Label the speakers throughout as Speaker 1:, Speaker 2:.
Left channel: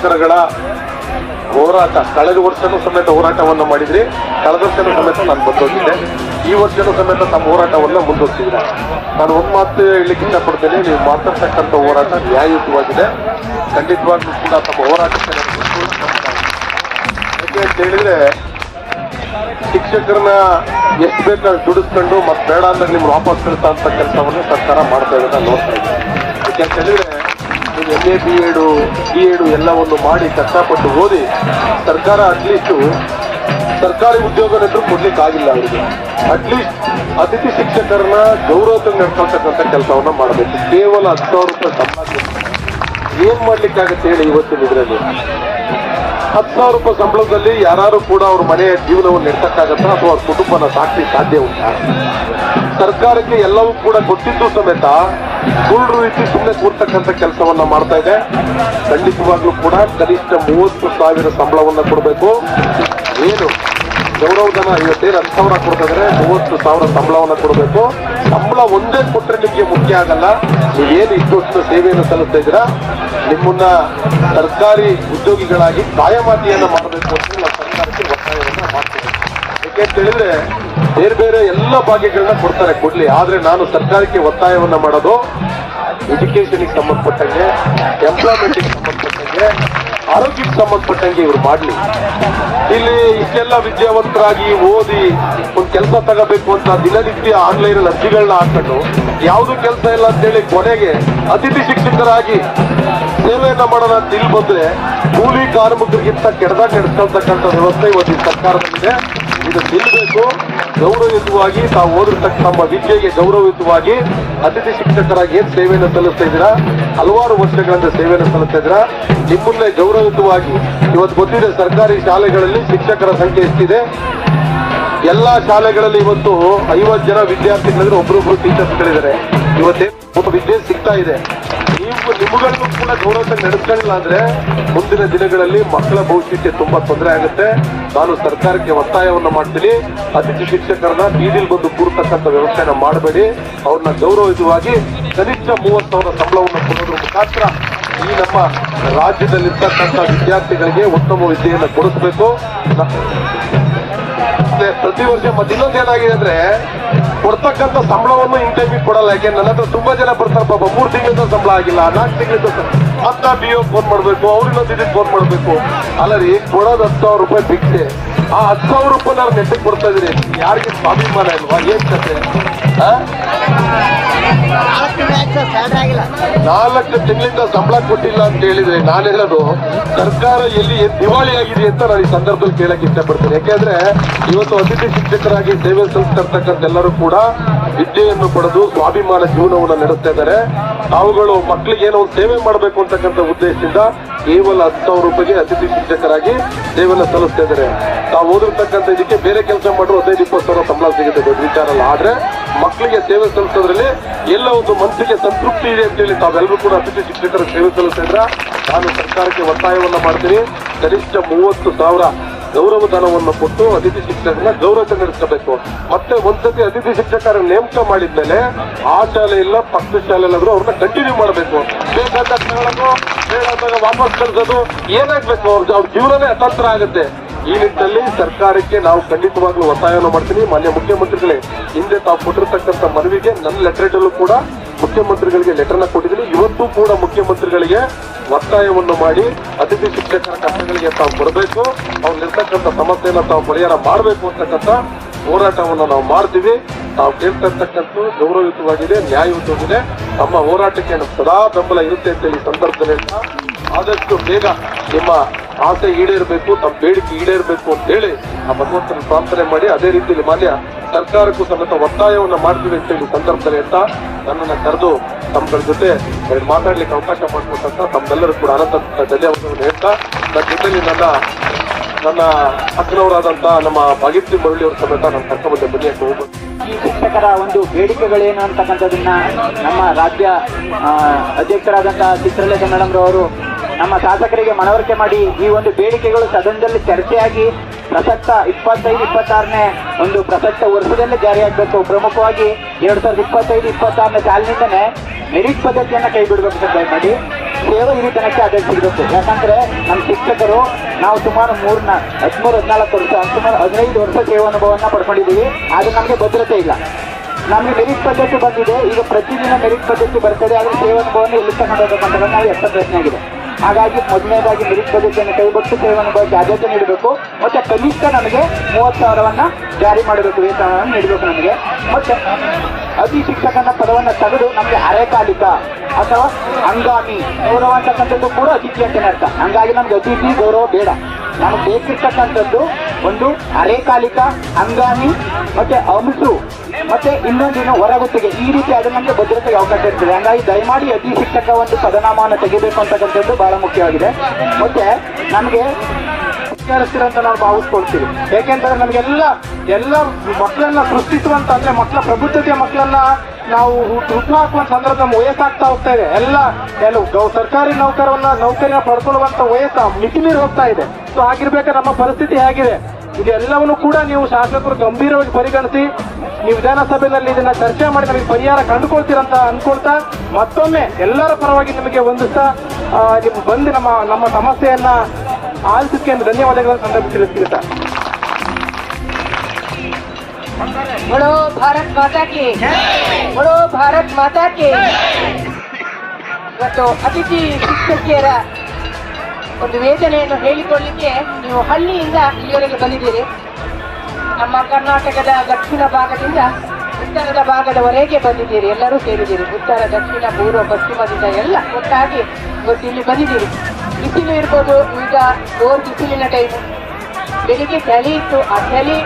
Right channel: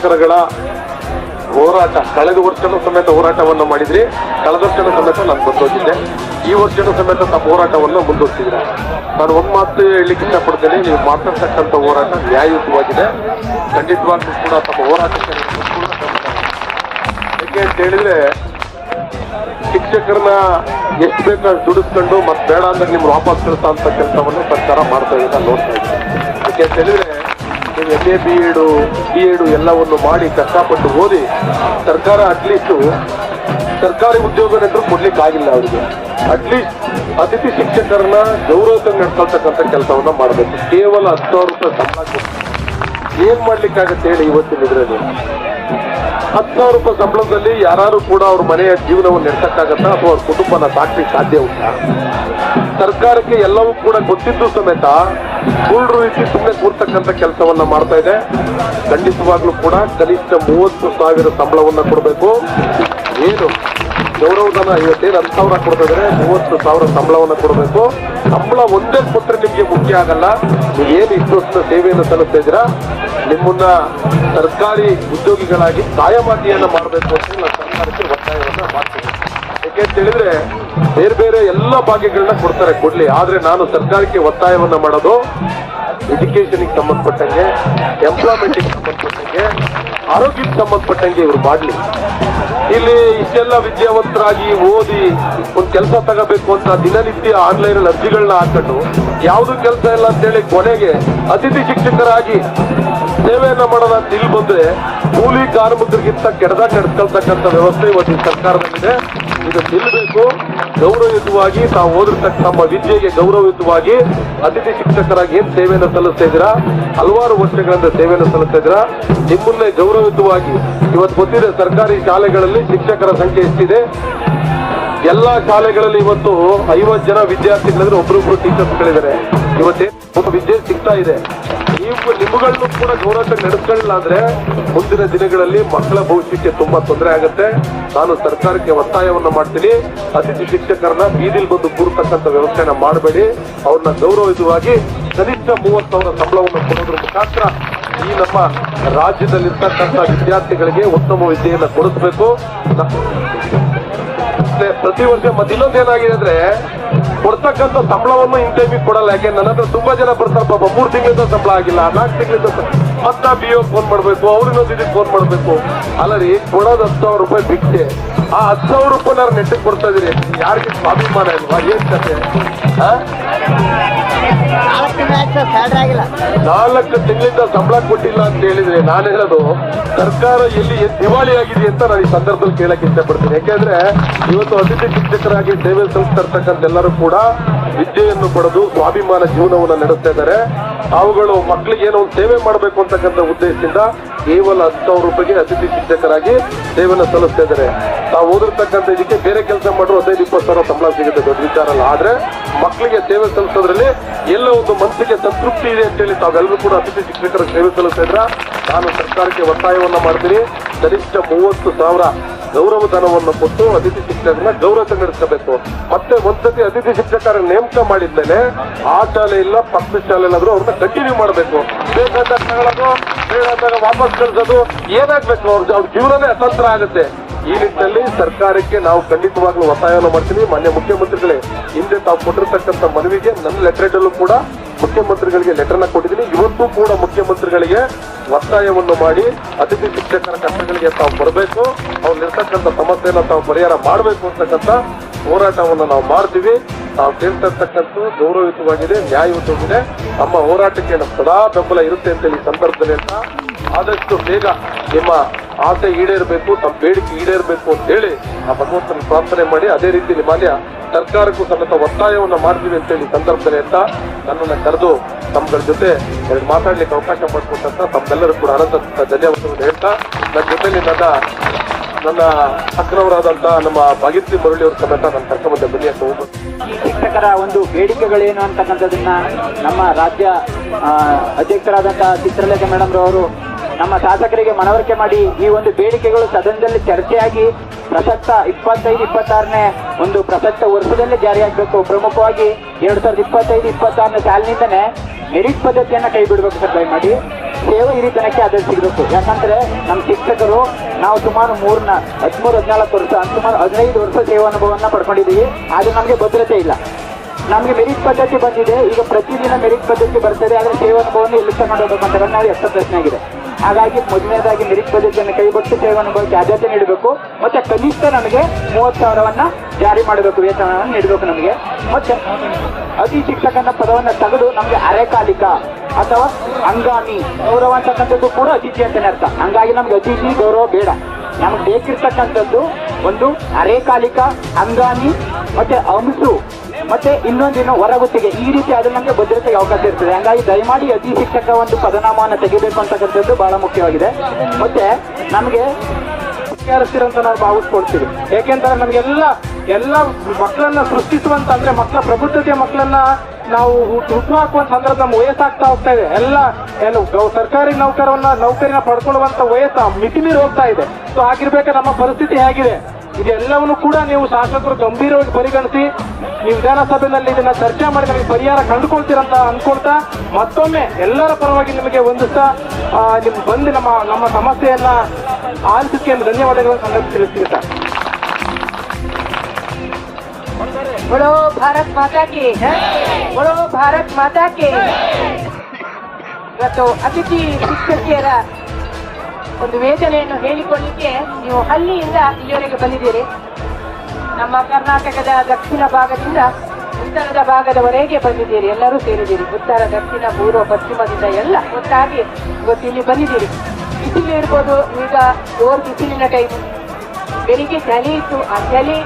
Speaker 1: ಅತಿಥಿ ಹೋರಾಟ, ಕಳೆದ ವರ್ಷನೂ ಸಮೇತ ಹೋರಾಟವನ್ನು ಮಾಡಿದ್ರಿ. ಕಳೆದ ವರ್ಷನೂ ಸಮೇತ ನಾನು ಬಂದೋಗಿದ್ದೆ ಈ ವರ್ಷನೂ ಸಮೇತ ನಮ್ಮ ಹೋರಾಟವನ್ನು ಮುಂದುವರಿಸಿದ್ರಿ. ನಾನು ಒಂದು ಮಾತು ಹೇಳಲಿಕ್ಕೆ ಇಷ್ಟಪಡ್ತೇನೆ. ನೀವು ಮಾತಾಡ್ತಕ್ಕಂಥ ಹೋರಾಟ ನ್ಯಾಯಯುತವಾಗಿದೆ. ಖಂಡಿತವಾಗಿ ಕೂಡ ತಮ್ಮ ಹೋರಾಟಕ್ಕೆ ಯಾಕೆ ಅಂತ ಹೇಳಿದ್ರೆ, ಶಿಕ್ಷಕರನ್ನ ಎಷ್ಟು ಬೇಕು ದುಡಿಸ್ಕೊಂಡು ಮತ್ತೆ ಬೇಡ ಅಂದ್ರೆ ನಿಮ್ಗೆ ವಾಪಸ್ ಕಳಿಸ ಅಂತ ಕೆಲಸವನ್ನು ಸರ್ಕಾರ ಮಾಡ್ತಾ ಇರೋದನ್ನ ನೋಡ್ತಾ ಇದ್ದೀನಿ. ಯಾಕೆ ಅಂತ ಹೇಳಿದ್ರೆ ನೀವು M A, B Ed Ed ಎಲ್ಲವನ್ನು ಮಾಡಿ ಕಷ್ಟಪಟ್ಟು ಓದಿ ಸರ್ಕಾರ ಅಟ್ಲೀಸ್ಟ್ ಸರ್ಕಾರಿ ಉದ್ಯೋಗನಂತೂ ಕೊಡ್ಲಿಕ್ಕೆ ಆಗಿಲ್ಲ ಅವರಿಗೆ. ಅಟ್ಲೀಸ್ಟ್ ಅತಿಥಿ ಶಿಕ್ಷಕರನ್ನ ಗೌರವಕ್ಕೆ ನಡ್ಕೊಳ್ತಕ್ಕಂಥ ಕೆಲಸವನ್ನ ಮಾಡಬೇಕು. ಕೇವಲ ಹತ್ತು ಸಾವಿರ ರೂಪಾಯಿ ಸಂಬಳಕ್ಕೆ ಏನ್ ಮಾಡ್ಲಿಕ್ಕಾಗತ್ತೆ ಹೇಳಿ ಇವತ್ತಿನ ಇದರಲ್ಲಿ? ಹತ್ತು ಸಾವಿರ ರೂಪಾಯಿ ಸಂಬಳದಲ್ಲಿ ಯಾರು ಕೂಡ ಅವ್ರ ಮನೆಯ ಜೀವನವನ್ನು ನಡೆಸಕ್ಕಾಗತ್ತಾ ಅಥವಾ ಅವ್ರ ಕುಟುಂಬನ ಸಾಕ್ಲಿಕ್ಕೆ ಸಾಧ್ಯ ಉಂಟಾ? ಸರ್ಕಾರಕ್ಕೆ ಎಲ್ಲವೂ ಕೂಡ ಗೊತ್ತಿದ್ದು ಸಮೇತ ಸುಳ್ಳು ರೀತಿ ಸುಮ್ಮನೆ ಕೂರ್ತಕ್ಕಂಥ ಕೆಲಸವನ್ನ ಮಾಡ್ತಾ ಇದೆ. ಖಂಡಿತವಾಗ್ಲೂ ಕೂಡ ಕನಿಷ್ಠ ಮೂವತ್ತು ಸಾವಿರ ಸಂಬಳವನ್ನ ಕೊಡಬೇಕು. ಏನು? ಗೌರವಧನ ಇವತ್ತೇನು ಹತ್ತು ಸಾವಿರ ಕೊಡ್ತಿದ್ರೆ ಮೂವತ್ತು ಸಾವಿರ ಸಂಬಳವನ್ನು ಕೊಡಬೇಕು. ಸಂಬಳ ಒಂದೇ ಕೊಟ್ಟರೆ ನಿಮಗೆ ಮುಖ್ಯ ಆಗಲ್ಲ. ನೀವೇನು ಇಷ್ಟು ಸೇವೆಯನ್ನು ಸಲ್ಲಿಸ್ತಾ ಇದ್ದೀರಾ? ನಿಮ್ಮನ್ನ ಸರ್ಕಾರಿ ಉದ್ಯೋಗಿಗಳಾಗಿ ಕಾಯಮಾತಿಯನ್ನು ಮಾಡಬೇಕು ಅಂತ ನಾವು ಸರ್ಕಾರಕ್ಕೆ ಒತ್ತಾಯವನ್ನು ಮಾಡ್ತೀವಿ. ಯಾಕೆ ಅಂತ ಹೇಳಿದ್ರೆ, ಬೇರೆ ಬೇರೆ ಎಲ್ಲ ಭಾಗ್ಯಗಳನ್ನ ಕೊಡ್ತಾರೆ ಕೊಡ್ಲಿ. ಆದ್ರೆ ನಾನು ಸರ್ಕಾರಕ್ಕೆ ಒತ್ತಾಯವನ್ನು ಮಾಡೋದು ಎಜುಕೇಶನ್ಗೆ ಸಂಬಂಧಪಟ್ಟಂಗೆ ಎಂಪ್ಲಾಯ್ಮೆಂಟ್ಗೆ ಸಂಬಂಧಪಟ್ಟಂಗೆ ಆರೋಗ್ಯಕ್ಕೆ ಸಂಬಂಧಪಟ್ಟಂಗೆ ಇವ್ರು ಮಾಡಲಿ. ಇಲ್ಲಿ ಇಷ್ಟೆಲ್ಲ ವಿದ್ಯಾವಂತರಾಗಿ ಓದಿ ಒಂದು ಕೆಲಸ ತಗೋಬೇಕು ಅಂತ ದಿನನಿತ್ಯ ಆನ್ಲೈನ್ ಅರ್ಜಿಗಳನ್ನ ಹಾಕೊಂಡು ಯಾವುದು ಕೆಲಸ ಇಲ್ಲ ಅಂತೇಳಿ ಕೊನೆಗೆ ಅತಿಥಿ ಶಿಕ್ಷಕರಾಗಿ ಸೇವೆಯನ್ನ ಮಾಡೋಣ ಅಂತ ಇಲ್ಲಿ ಬಂದ್ರೆ ಕೂಲಿ ಕಾರ್ಮಿಕರಿಗಿಂತ ಕೆಡದ ಕೆಡಿಸ್ತಕ್ಕಂಥ ವ್ಯವಸ್ಥೆ ಇವತ್ತಿನ ಸರ್ಕಾರದಲ್ಲಿದೆ. ಇದು ನಿಲ್ಲಬೇಕು ಗೌರವಯುತವಾಗಿ ತಾವು ಓದಿರ್ತಕ್ಕ ನಮ್ಮ ವಿದ್ಯೆಗೆ ಗೌರವಯುತವಾಗಿ ಅತಿಥಿ ಶಿಕ್ಷಕರಾಗಿ ಏನ್ ಸೇವೆಯನ್ನು ಸಲ್ಲಿಸ್ತಾ ಇದ್ದೀರಾ? ಹಲವಾರು ವರ್ಷಗಳಿಂದ ಸೇವೆಯನ್ನು ಸಲ್ಲಿಸ್ತಾ ಇದ್ದೀರಾ? ನಿಮ್ಮನ್ನೇ ಗೌರವಯುತವಾಗಿ ಇವತ್ತು ಗೊತ್ತಿದೆ, ಸರ್ಕಾರಿ ಶಾಲೆಗಳಲ್ಲಿ ಶಿಕ್ಷಕರ ಸಂಖ್ಯೆ ಎಷ್ಟಿದೆ. ಎಲ್ಲಾ ಶಾಲೆಗಳಲ್ಲಿ ಇವತ್ತು ಐವತ್ತು ಜನ ವಿದ್ಯಾರ್ಥಿಗಳಿದ್ರೆ ಒಬ್ರೊಬ್ರು ಟೀಚರ್ಸ್ಗಳಿದ್ದಾರೆ ಇವತ್ತೇ ವಿದ್ಯೆ ಸಿಗ್ತಾ ಇದೆ. ನೀವು ನಿಮ್ಗಳನ್ನು ಕೂಡ ಗೌರವ ನಡೆಸಲಿಲ್ಲ ಅಂದ್ರೆ ಮುಂದಿನ ದಿನಗಳಲ್ಲಿ ಮಕ್ಕಳ ಭವಿಷ್ಯಕ್ಕೆ ತುಂಬಾ ತೊಂದರೆ ಆಗುತ್ತೆ. ನಾನು ಸರ್ಕಾರಕ್ಕೆ ಒತ್ತಾಯವನ್ನು ಮಾಡ್ತೀನಿ. ಅತಿಥಿ ಶಿಕ್ಷಕರನ್ನ ಬೀದಿಲ್ ಬಂದು ಕೂರ್ತಕ್ಕಂಥ ವ್ಯವಸ್ಥೆನ ಮಾಡಬೇಡಿ. ಅವ್ರನ್ನ ಗೌರವಯುತವಾಗಿ ಕನಿಷ್ಠ ಮೂವತ್ತು ಸಾವಿರ ಸಂಬಳವನ್ನು ಕೊಡುವುದರ ಮುಖಾಂತರ ಈ ನಮ್ಮ ರಾಜ್ಯದಲ್ಲಿರ್ತಕ್ಕಂಥ ವಿದ್ಯಾರ್ಥಿಗಳಿಗೆ ಉತ್ತಮ ವಿದ್ಯೆಯನ್ನು ಕೊಡಿಸಬೇಕು. ಪ್ರತಿ ವರ್ಷ ಮತ್ತೆ ಇನ್ನೊಂದು ಏನಾಗಿದೆ ಅಂದ್ರೆ ಕೊಡ್ತಕ್ಕಂಥ ಸಂಬಳವನ್ನು ಟೈಮಿಗೆ ಕೊಡಲ್ಲ. ಯಾಕೆ ನನ್ನ ಹತ್ರ ತುಂಬಾ ಜನ ಬರ್ತಾರೆ ಪಾಪ. ಮೂರು ತಿಂಗಳಿಂದ ಸಂಬಳ ಆಗಿಲ್ಲ, ನಾಲ್ಕು ತಿಂಗಳಿಂದ ಮತ್ತ ಬಿ ಒ ಫೋನ್ ಮಾಡಬೇಕು ಅವ್ರಿಗೊಂದು ಇದಕ್ಕೆ ಫೋನ್ ಮಾಡಬೇಕು. ಅಲ್ಲ ರೀ, ಕೊಡೋದು ಹತ್ತು ಸಾವಿರ ರೂಪಾಯಿ ಬಿಟ್ಟೆ ಆ ಹತ್ತು ಸಾವಿರ ರೂಪಾಯಿ ನಾನು ನೆಟ್ಟಿಗೆ ಕೊಡ್ತಾ ಇದೀನಿ. ಯಾರಿಗೆ ಸ್ವಾಭಿಮಾನ ಇಲ್ವಾ? ಏನ್ ಕತೆ?
Speaker 2: ನಾಲ್ಕು
Speaker 1: ತಿಂಗಳಿಂದ ಸಂಬಳ ಕೊಟ್ಟಿಲ್ಲ ಅಂತ ಹೇಳಿದ್ರೆ ನಾನು ಹೇಳೋದು, ಸರ್ಕಾರ ಎಲ್ಲಿ ದಿವಾಳಿ ಆಗಿದೆ ಅಂತ ನಾನು ಈ ಸಂದರ್ಭದಲ್ಲಿ ಕೇಳಕ್ ಇಷ್ಟಪಡ್ತೇನೆ. ಯಾಕೆಂದ್ರೆ ಇವತ್ತು ಅತಿಥಿ ಶಿಕ್ಷಕರಾಗಿ ಸೇವೆ ಸಲ್ಲಿಸ್ತಕ್ಕಂಥ ಎಲ್ಲರೂ ಕೂಡ ವಿದ್ಯೆಯನ್ನು ಪಡೆದು ಸ್ವಾಭಿಮಾನ ಜೀವನವನ್ನು ನಡೆಸ್ತಾ ಇದ್ದಾರೆ. ಅವುಗಳು ಮಕ್ಕಳಿಗೆ ಏನೋ ಒಂದು ಸೇವೆ ಮಾಡಬೇಕು ಅಂತಕ್ಕಂಥ ಉದ್ದೇಶದಿಂದ ಕೇವಲ ಹತ್ತು ಸಾವಿರ ರೂಪಾಯಿಗೆ ಅತಿಥಿ ಶಿಕ್ಷಕರಾಗಿ ಸೇವೆಯನ್ನು ಸಲ್ಲಿಸ್ತಾ ಇದ್ದಾರೆ. ತಾವು ಓದಿರ್ತಕ್ಕಂಥ ಇದಕ್ಕೆ ಬೇರೆ ಕೆಲಸ ಮಾಡಿದ್ರು ಹದಿನೈದು, ಇಪ್ಪತ್ತು ಸಾವಿರ ಸಂಬಳ ಸಿಗುತ್ತೆ, ದೊಡ್ಡ ವಿಚಾರ ಆದ್ರೆ ಮಕ್ಕಳಿಗೆ ಸೇವೆ ಸಲ್ಲಿಸೋದ್ರಲ್ಲಿ ಎಲ್ಲ ಒಂದು ಮನಸ್ಸಿಗೆ ಸಂತೃಪ್ತಿ ಇದೆ ಅಂತೇಳಿ ತಾವೆಲ್ಲರೂ ಕೂಡ ಅತಿಥಿ ಶಿಕ್ಷಕರ ಸೇವೆ ಸಲ್ಲಿಸಿದ್ರ ನಾನು ಸರ್ಕಾರಕ್ಕೆ ಒತ್ತಾಯವನ್ನು ಮಾಡ್ತೀನಿ. ಕನಿಷ್ಠ ಮೂವತ್ತು ಸಾವಿರ ಗೌರವ ಧನವನ್ನು ಕೊಟ್ಟು ಅತಿಥಿ ಶಿಕ್ಷಕರನ್ನ ಗೌರವ ನಡೆಸಬೇಕು ಮತ್ತೆ ಒಂದ್ಸತಿ ಅತಿಥಿ ಶಿಕ್ಷಕರ ನೇಮಕ ಮಾಡಿದ್ಮೇಲೆ ಆ ಶಾಲೆ ಇಲ್ಲ, ಪಕ್ಕದ ಶಾಲೆ ಆದ್ರೂ ಅವ್ರನ್ನ ಕಂಟಿನ್ಯೂ ಮಾಡಬೇಕು. ಬೇಕಾದ ವಾಪಸ್ ಕಳಿಸೋದು ಏನಾಗ್ಬೇಕು? ಅವ್ರ ಅವ್ರ ಜೀವನವೇ ಅತಂತ್ರ ಆಗುತ್ತೆ ಈ ನಿಟ್ಟಿನಲ್ಲಿ ಸರ್ಕಾರಕ್ಕೆ ನಾವು ಖಂಡಿತವಾಗ್ಲೂ ಒತ್ತಾಯವನ್ನು ಮಾಡ್ತೀನಿ ಮಾನ್ಯ ಮುಖ್ಯಮಂತ್ರಿಗಳೇ, ಹಿಂದೆ ತಾವು ಕೊಟ್ಟಿರ್ತಕ್ಕಂಥ ಮನವಿಗೆ ನನ್ನ ಲೆಟರ್ ಅಲ್ಲೂ ಕೂಡ ಮುಖ್ಯಮಂತ್ರಿಗಳಿಗೆ ಲೆಟರ್ನ ಕೊಟ್ಟಿದ್ದೀನಿ. ಇವತ್ತು ಕೂಡ ಮುಖ್ಯಮಂತ್ರಿಗಳಿಗೆ ಒತ್ತಾಯವನ್ನು ಮಾಡಿ ಅತಿಥಿ ಶಿಕ್ಷಕರ ಕಷ್ಟಗಳಿಗೆ ತಾವು ಕೊಡಬೇಕು. ಅವ್ರಿರ್ತಕ್ಕಂಥ ಸಮಸ್ಯೆಯನ್ನು ತಾವು ಪರಿಹಾರ ಮಾಡಬೇಕು ಅಂತಕ್ಕಂಥ ಹೋರಾಟವನ್ನು ನಾವು ಮಾಡ್ತೀವಿ. ನಾವು ಕೇಳ್ತಿರ್ತಕ್ಕಂಥ ಗೌರವಯುತವಾಗಿದೆ, ನ್ಯಾಯಯುತವಾಗಿದೆ. ನಮ್ಮ ಹೋರಾಟಕ್ಕೆ ಸದಾ ಬೆಂಬಲ ಇರುತ್ತೆ ಅಂತ ಈ ಸಂದರ್ಭದಲ್ಲಿ ಆದಷ್ಟು ಬೇಗ ನಿಮ್ಮ ಆಸೆ ಈಡೇರಬೇಕು, ತಮ್ಮ ಬೇಡಿಕೆ ಈಡೇರಬೇಕು ಅಂತ ಹೇಳಿ ಆ ಭಗವಂತನ ಪ್ರಾರ್ಥನೆ ಮಾಡಿ ಅದೇ ರೀತಿ ಮಾನ್ಯ ಸರ್ಕಾರಕ್ಕೂ ಸಮೇತ ಒತ್ತಾಯವನ್ನು ಮಾಡ್ತೀವಿ ಅಂತ ಹೇಳಿ ಸಂದರ್ಭದಲ್ಲಿ ಅಂತ ನನ್ನನ್ನು ಕರೆದು ತಮ್ಮಗಳ ಜೊತೆ ಎರಡು ಮಾತಾಡ್ಲಿಕ್ಕೆ ಅವಕಾಶ ಮಾಡ್ಕೊಂಡಂತ ತಮ್ಮೆಲ್ಲರೂ ಕೂಡ ಅನಂತ ಧನ್ಯವಾದಗಳನ್ನು ಹೇಳ್ತಾ, ನನ್ನ ಜೊತೆಲಿ ನನ್ನ ನನ್ನ ಅಗ್ರವರಾದಂತ ನಮ್ಮ ಭಾಗಿತ್ರಿ ಮುರಳಿ ಅವ್ರ ಸಮೇತ ನನ್ನ ಕರ್ಕೊಂಡ ಬನ್ನಿ ಅಂತ
Speaker 3: ಈ ಶಿಕ್ಷಕರ ಒಂದು ಬೇಡಿಕೆಗಳೇನು ಅಂತಕ್ಕಂಥದ್ದನ್ನ ನಮ್ಮ ರಾಜ್ಯ ಅಧ್ಯಕ್ಷರಾದಂತಹ ಚಿತ್ರಲೇಖ ಮೇಡಮ್ ಅವರು ನಮ್ಮ ಶಾಸಕರಿಗೆ ಮನವರಿಕೆ ಮಾಡಿ ಈ ಒಂದು ಬೇಡಿಕೆಗಳು ಸದನದಲ್ಲಿ ಚರ್ಚೆಯಾಗಿ ಪ್ರಸಕ್ತ ಇಪ್ಪತ್ತೈದು, ಇಪ್ಪತ್ತಾರನೇ ಒಂದು ಪ್ರಸಕ್ತ ವರ್ಷದಲ್ಲಿ ಜಾರಿಯಾಗಬೇಕು. ಪ್ರಮುಖವಾಗಿ ಎರಡ್ ಸಾವಿರದ ಇಪ್ಪತ್ತೈದು, ಇಪ್ಪತ್ತಾರನೇ ಸಾಲಿನಿಂದನೇ ಮೆರಿಟ್ ಪದ್ಧತಿಯನ್ನು ಕೈ ಬಿಡಬೇಕು ಅಂತ ಮಾಡಿ. ಸೇವೆ ಹಿರಿತನಕ್ಕೆ ಆದೇಶ ಸಿಗಬೇಕು ಯಾಕಂದ್ರೆ ನಮ್ಮ ಶಿಕ್ಷಕರು ನಾವು ಸುಮಾರು ಮೂರ್ನ ಹದಿಮೂರು, ಹದಿನಾಲ್ಕು ವರ್ಷ, ಸುಮಾರು ಹದಿನೈದು ವರ್ಷ ಸೇವಾ ಅನುಭವವನ್ನು ಪಡ್ಕೊಂಡಿದ್ದೀವಿ. ಆದ್ರೆ ನಮಗೆ ಭದ್ರತೆ ಇಲ್ಲ. ನಮಗೆ ಮೆರಿಟ್ ಪದ್ಧತಿ ಬಂದಿದೆ. ಈಗ ಪ್ರತಿದಿನ ಮೆರಿಟ್ ಪದ್ಧತಿ ಬರ್ತದೆ. ಆದ್ರೆ ಸೇವಾ ಅನುಭವವನ್ನು ಮಾಡಬೇಕು ಅಂತ ನಾವು ಎಷ್ಟು ಪ್ರಶ್ನೆ ಆಗಿದೆ. ಹಾಗಾಗಿ ಮೊದಲನೇದಾಗಿ ಮೆರಿಟ್ ಪೊಲೀಸನ್ನು ಕೈಗೊಟ್ಟು ಸೇವನಭವಕ್ಕೆ ಆದ್ಯತೆ ನೀಡಬೇಕು. ಮತ್ತೆ ಕನಿಷ್ಠ ನಮಗೆ ಮೂವತ್ತು ಸಾವಿರವನ್ನ ಜಾರಿ ಮಾಡಬೇಕು ವೇತನವನ್ನು ನೀಡಬೇಕು ನಮಗೆ. ಮತ್ತೆ ಅತಿ ಶಿಕ್ಷಕನ ಪದವನ್ನು ತೆಗೆದು ನಮಗೆ ಅರೆಕಾಲಿಕ ಅಥವಾ ಹಂಗಾಮಿ ಗೌರವ ಅಂತಕ್ಕಂಥದ್ದು ಕೂಡ ಅತಿಥಿ ಅಂತ ಅರ್ಥ. ಹಂಗಾಗಿ ನಮ್ಗೆ ಅತಿಥಿ ಗೌರವ ಬೇಡ. ನಮ್ಗೆ ಬೇಕಿರ್ತಕ್ಕಂಥದ್ದು ಒಂದು ಅರೆಕಾಲಿಕ ಹಂಗಾಮಿ, ಮತ್ತೆ ಅಂಶು ಮತ್ತೆ ದಿನ ಹೊರಗುತ್ತಿಗೆ. ಈ ರೀತಿ ಅದು ನಮಗೆ ಭದ್ರತೆಗೆ ಅವಕಾಶ ಇರ್ತದೆ. ಹಂಗಾಗಿ ದಯಮಾಡಿ ಅತಿ ಶಿಕ್ಷಕ ಒಂದು ಪದನಾಮವನ್ನು ತೆಗಿಬೇಕು ಅಂತಕ್ಕಂಥದ್ದು ಬಹಳ ಮುಖ್ಯವಾಗಿದೆ. ಮತ್ತೆ ನಮಗೆ ಅಂತ ನಾವು ಭಾವಿಸ್ಕೊಳ್ತೀವಿ. ಯಾಕೆಂದ್ರೆ ನಮಗೆಲ್ಲ, ಎಲ್ಲ ಮಕ್ಕಳನ್ನ ಸೃಷ್ಟಿಸುವಂತ ಅಂದ್ರೆ ಮಕ್ಕಳ ಪ್ರಬುದ್ಧತೆ ಮಕ್ಕಳನ್ನ ನಾವು ಹುಟ್ಟಾಕುವ ಸಂದರ್ಭ ನಮ್ಮ ವಯಸ್ಸಾಗ್ತಾ ಹೋಗ್ತಾ ಇದೆ. ಎಲ್ಲ ಏನು ಸರ್ಕಾರಿ ನೌಕರನ್ನ, ನೌಕರಿನ ಪಡ್ಕೊಳ್ಳುವಂತ ವಯಸ್ಸು ಮಿತಿ ಮೀರಿ ಹೋಗ್ತಾ ಇದೆ. ಸೊ ಆಗಿರ್ಬೇಕಾದ್ರೆ ನಮ್ಮ ಪರಿಸ್ಥಿತಿ ಹೇಗಿದೆ. ಇದೆಲ್ಲವನ್ನು ಕೂಡ ನೀವು ಶಾಸಕರು ಗಂಭೀರವಾಗಿ ಪರಿಗಣಿಸಿ, ನೀವು ವಿಧಾನಸಭೆಯಲ್ಲಿ ಇದನ್ನ ಚರ್ಚೆ ಮಾಡಿ ನಮಗೆ ಪರಿಹಾರ ಕಂಡುಕೊಳ್ತೀರಂತ ಅನ್ಕೊಳ್ತಾ ಮತ್ತೊಮ್ಮೆ ಎಲ್ಲರ ಪರವಾಗಿ ನಿಮಗೆ ಒಂದು ಸಹ ನಿಮ್ ಬಂದು ನಮ್ಮ ನಮ್ಮ ಸಮಸ್ಯೆಯನ್ನ ಆಲಿಸಕ್ಕೆ ಧನ್ಯವಾದಗಳನ್ನು ಸಂದರ್ಭ ತಿಳಿಸ್ತೀನಿ ಸರ್
Speaker 4: बोलो भारत माता की बोलो भारत ಮಾತಾ ಕಿ ಇವತ್ತು ಅತಿಥಿ ಶಿಕ್ಷಕಿಯರ ಒಂದು ವೇದನೆಯನ್ನು ಹೇಳಿಕೊಳ್ಳಿಕ್ಕೆ ನೀವು ಹಳ್ಳಿಯಿಂದ ಇಲ್ಲಿವರೆಗೆ ಬಂದಿದ್ದೀರಿ ನಮ್ಮ ಕರ್ನಾಟಕದ ದಕ್ಷಿಣ ಭಾಗದಿಂದ ಉತ್ತರದ ಭಾಗದವರೆಗೆ ಬಂದಿದ್ದೀರಿ ಎಲ್ಲರೂ ಸೇರಿದ್ದೀರಿ ಉತ್ತರ ದಕ್ಷಿಣ ಪೂರ್ವ ಪಶ್ಚಿಮದಿಂದ ಎಲ್ಲ ಒಟ್ಟಾಗಿ ಇವತ್ತು ಇಲ್ಲಿ ಬಂದಿದ್ದೀರಿ ಬಿಸಿಲು ಇರ್ಬೋದು. ಈಗ ಓರ್ ಬಿಸಿಲಿನ ಟೈಮ್ ಬೆಳಿಗ್ಗೆ ಚಳಿ ಇತ್ತು. ಆ ಚಳಿ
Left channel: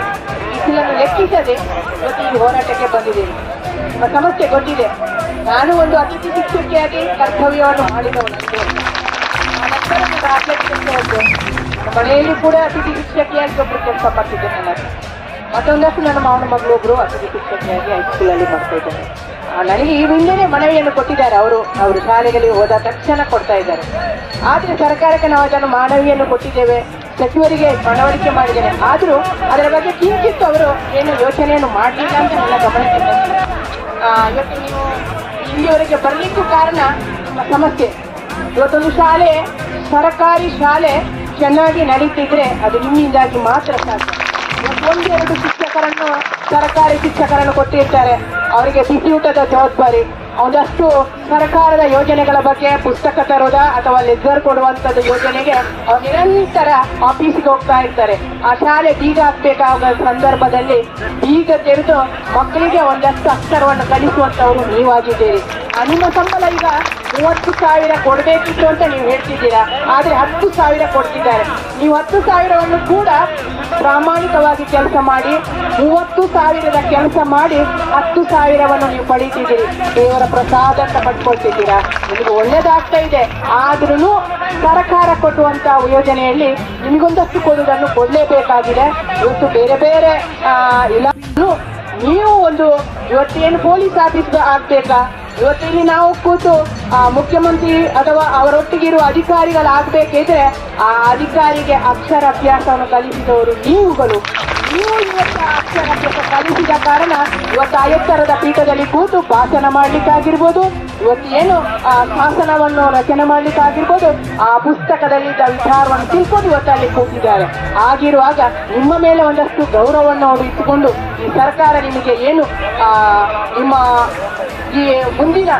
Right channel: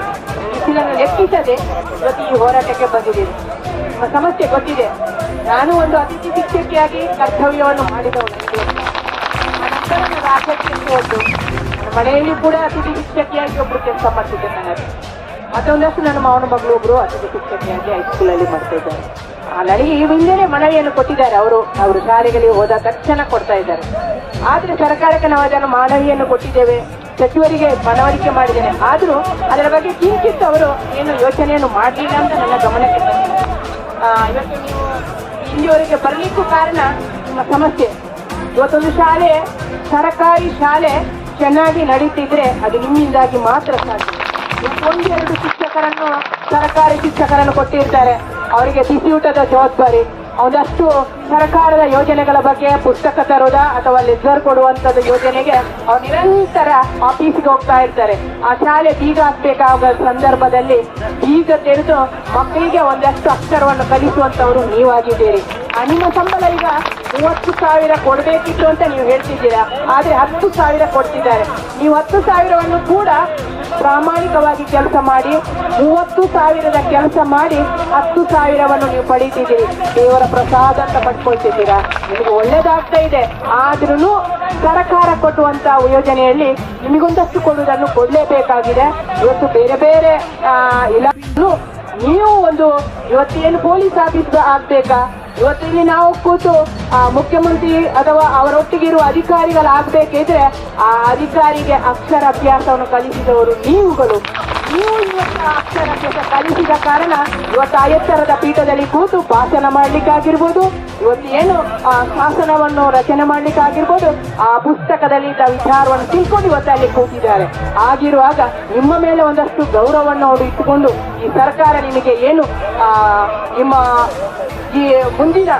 Speaker 4: ಬಿಸಿಲನ್ನು ಲೆಕ್ಕಿಸದೆ ಇವತ್ತು ಈ ಹೋರಾಟಕ್ಕೆ ಬಂದಿದೆ ಆ ಸಮಸ್ಯೆ ಗೊತ್ತಿದೆ. ನಾನು ಒಂದು ಅತಿಥಿ ಶಿಕ್ಷಕಿಯಾಗಿ ಕರ್ತವ್ಯವನ್ನು ಹೋದ್ದು ಮನೆಯಲ್ಲಿ ಕೂಡ ಅತಿಥಿ ಶಿಕ್ಷಕಿಯಾಗಿ ಒಬ್ಬರು ಕೆಲಸ ಮಾಡ್ತಿದ್ದೇನೆ ನಾನು ಮತ್ತೊಂದಷ್ಟು ನನ್ನ ಮಾವನ ಮಗಳು ಒಬ್ರು ಅತಿಥಿ ಶಿಕ್ಷಕಿಯಾಗಿ ಹೈಸ್ಕೂಲಲ್ಲಿ ಮಾಡ್ತಾ ಇದ್ದಾರೆ. ಆ, ನನಗೆ ಈ ಮನವಿಯನ್ನು ಕೊಟ್ಟಿದ್ದಾರೆ ಅವರು. ಅವರು ಶಾಲೆಗಳಿಗೆ ಹೋದ ತಕ್ಷಣ ಕೊಡ್ತಾ ಇದ್ದಾರೆ. ಆದರೆ ಸರ್ಕಾರಕ್ಕೆ ನಾವು ಅದನ್ನು ಮನವಿಯನ್ನು ಕೊಟ್ಟಿದ್ದೇವೆ. ಸಚಿವರಿಗೆ ಮನವರಿಕೆ ಮಾಡಿದ್ದೇನೆ ಆದರೂ ಅದರ ಬಗ್ಗೆ ಕಿಂಚಿತ್ ಅವರು ಏನು ಯೋಚನೆಯನ್ನು ಮಾಡಲಿಲ್ಲ ಅಂತ ನನ್ನ ಗಮನಕ್ಕೆ ಬಂದಿದೆ. ಇವತ್ತು ನೀವು ಇಲ್ಲಿಯವರೆಗೆ ಬರಲಿಕ್ಕೂ ಕಾರಣ ನಿಮ್ಮ ಸಮಸ್ಯೆ. ಇವತ್ತೊಂದು ಶಾಲೆ, ಸರ್ಕಾರಿ ಶಾಲೆ ಚೆನ್ನಾಗಿ ನಡೀತಿದ್ರೆ ಅದು ನಿಮ್ಮಿಂದಾಗಿ ಮಾತ್ರ ಸಾಧ್ಯ. ಒಂದು ಒಂದೆರಡು ಶಿಕ್ಷಕರನ್ನು ಸರ್ಕಾರಿ ಶಿಕ್ಷಕರನ್ನು ಕೊಟ್ಟಿರ್ತಾರೆ. ಅವರಿಗೆ ಬಿಸಿಯೂಟದ ಜವಾಬ್ದಾರಿ. ಒಂದಷ್ಟು ಸರ್ಕಾರದ ಯೋಜನೆಗಳ ಬಗ್ಗೆ ಪುಸ್ತಕ ತರೋದ ಅಥವಾ ಲೆಜರ್ ಕೊಡುವಂತದ್ದು ಯೋಜನೆಗೆ ಅವ್ರು ನಿರಂತರ ಆಫೀಸಿಗೆ ಹೋಗ್ತಾ ಇರ್ತಾರೆ. ಆ ಶಾಲೆ ಬೀಗ ಹಾಕ್ಬೇಕಾದ ಸಂದರ್ಭದಲ್ಲಿ ಬೀಗ ತೆರೆದು ಮಕ್ಕಳಿಗೆ ಒಂದಷ್ಟು ಅಕ್ಷರವನ್ನು ಕಲಿಸುವಂತವರು ನೀವಾಗಿದ್ದೀರಿ. ನಿಮ್ಮ ಸಂಬಳ ಈಗ ಮೂವತ್ತು ಸಾವಿರ ಕೊಡಬೇಕಿತ್ತು ಅಂತ ನೀವು ಹೇಳ್ತಿದ್ದೀರಾ? ಆದ್ರೆ ಹತ್ತು ಸಾವಿರ ಕೊಡ್ತಿದ್ದಾರೆ. ನೀವು ಹತ್ತು ಸಾವಿರವನ್ನು ಕೂಡ ಪ್ರಾಮಾಣಿಕವಾಗಿ ಕೆಲಸ ಮಾಡಿ, ಮೂವತ್ತು ಸಾವಿರದ ಕೆಲಸ ಮಾಡಿ ಹತ್ತು ಸಾವಿರವನ್ನು ನೀವು ಪಡೀತಿದ್ದೀರಿ ದೇವರ ಪ್ರಸಾದ ಪಡ್ಕೊಳ್ತಿದ್ದೀರಾ? ನಿಮಗೆ ಒಳ್ಳೇದಾಗ್ತಾ ಇದೆ. ಆದ್ರೂ ಸರ್ಕಾರ ಕೊಟ್ಟುವಂತ ಯೋಜನೆಯಲ್ಲಿ ನಿಮಗೊಂದಷ್ಟು ಕೊಡುವುದನ್ನು ಕೊಡಲೇಬೇಕಾಗಿದೆ. ಇವತ್ತು ಬೇರೆ ಬೇರೆ ಇಲಾಖೆಗಳು ನೀವು ಒಂದು ಇವತ್ತೇನು ಪೊಲೀಸ್ ಆಫೀಸ್ ಆಗ್ಬೇಕಾ? ಇವತ್ತಿಲ್ಲಿ ನಾವು ಕೂತು ಮುಖ್ಯಮಂತ್ರಿ ಅಥವಾ ಅವರೊಟ್ಟಿಗಿರುವ ಅಧಿಕಾರಿಗಳಾಗಬೇಕಿದ್ರೆ ಆ ಅಧಿಕಾರಿಗೆ ಅಕ್ಷರ ಅಭ್ಯಾಸವನ್ನು ಕಲಿಸಿದವರು ನೀವುಗಳು. ನೀವು ಕಲಿಸಿದ ಕಾರಣ ಇವತ್ತು ಆಯತ್ತರದ ಪೀಠದಲ್ಲಿ ಕೂತು ಭಾಷಣ ಮಾಡ್ಲಿಕ್ಕಾಗಿರ್ಬೋದು ಇವತ್ತು ಏನು ಆ ಶಾಸನವನ್ನು ರಚನೆ ಮಾಡ್ಲಿಕ್ಕಾಗಿರ್ಬೋದು ಆ ಪುಸ್ತಕದಲ್ಲಿ ಇದ್ದ ವಿಚಾರವನ್ನು ತಿಳ್ಕೊಂಡು ಇವತ್ತು ಅಲ್ಲಿ ಕೂತಿದ್ದಾರೆ ಆಗಿರುವಾಗ ನಿಮ್ಮ ಮೇಲೆ ಒಂದಷ್ಟು ಗೌರವವನ್ನು ಅವರು ಇಟ್ಟುಕೊಂಡು ಈ ಸರ್ಕಾರ ನಿಮಗೆ ಏನು ನಿಮ್ಮ ಈ ಮುಂದಿನ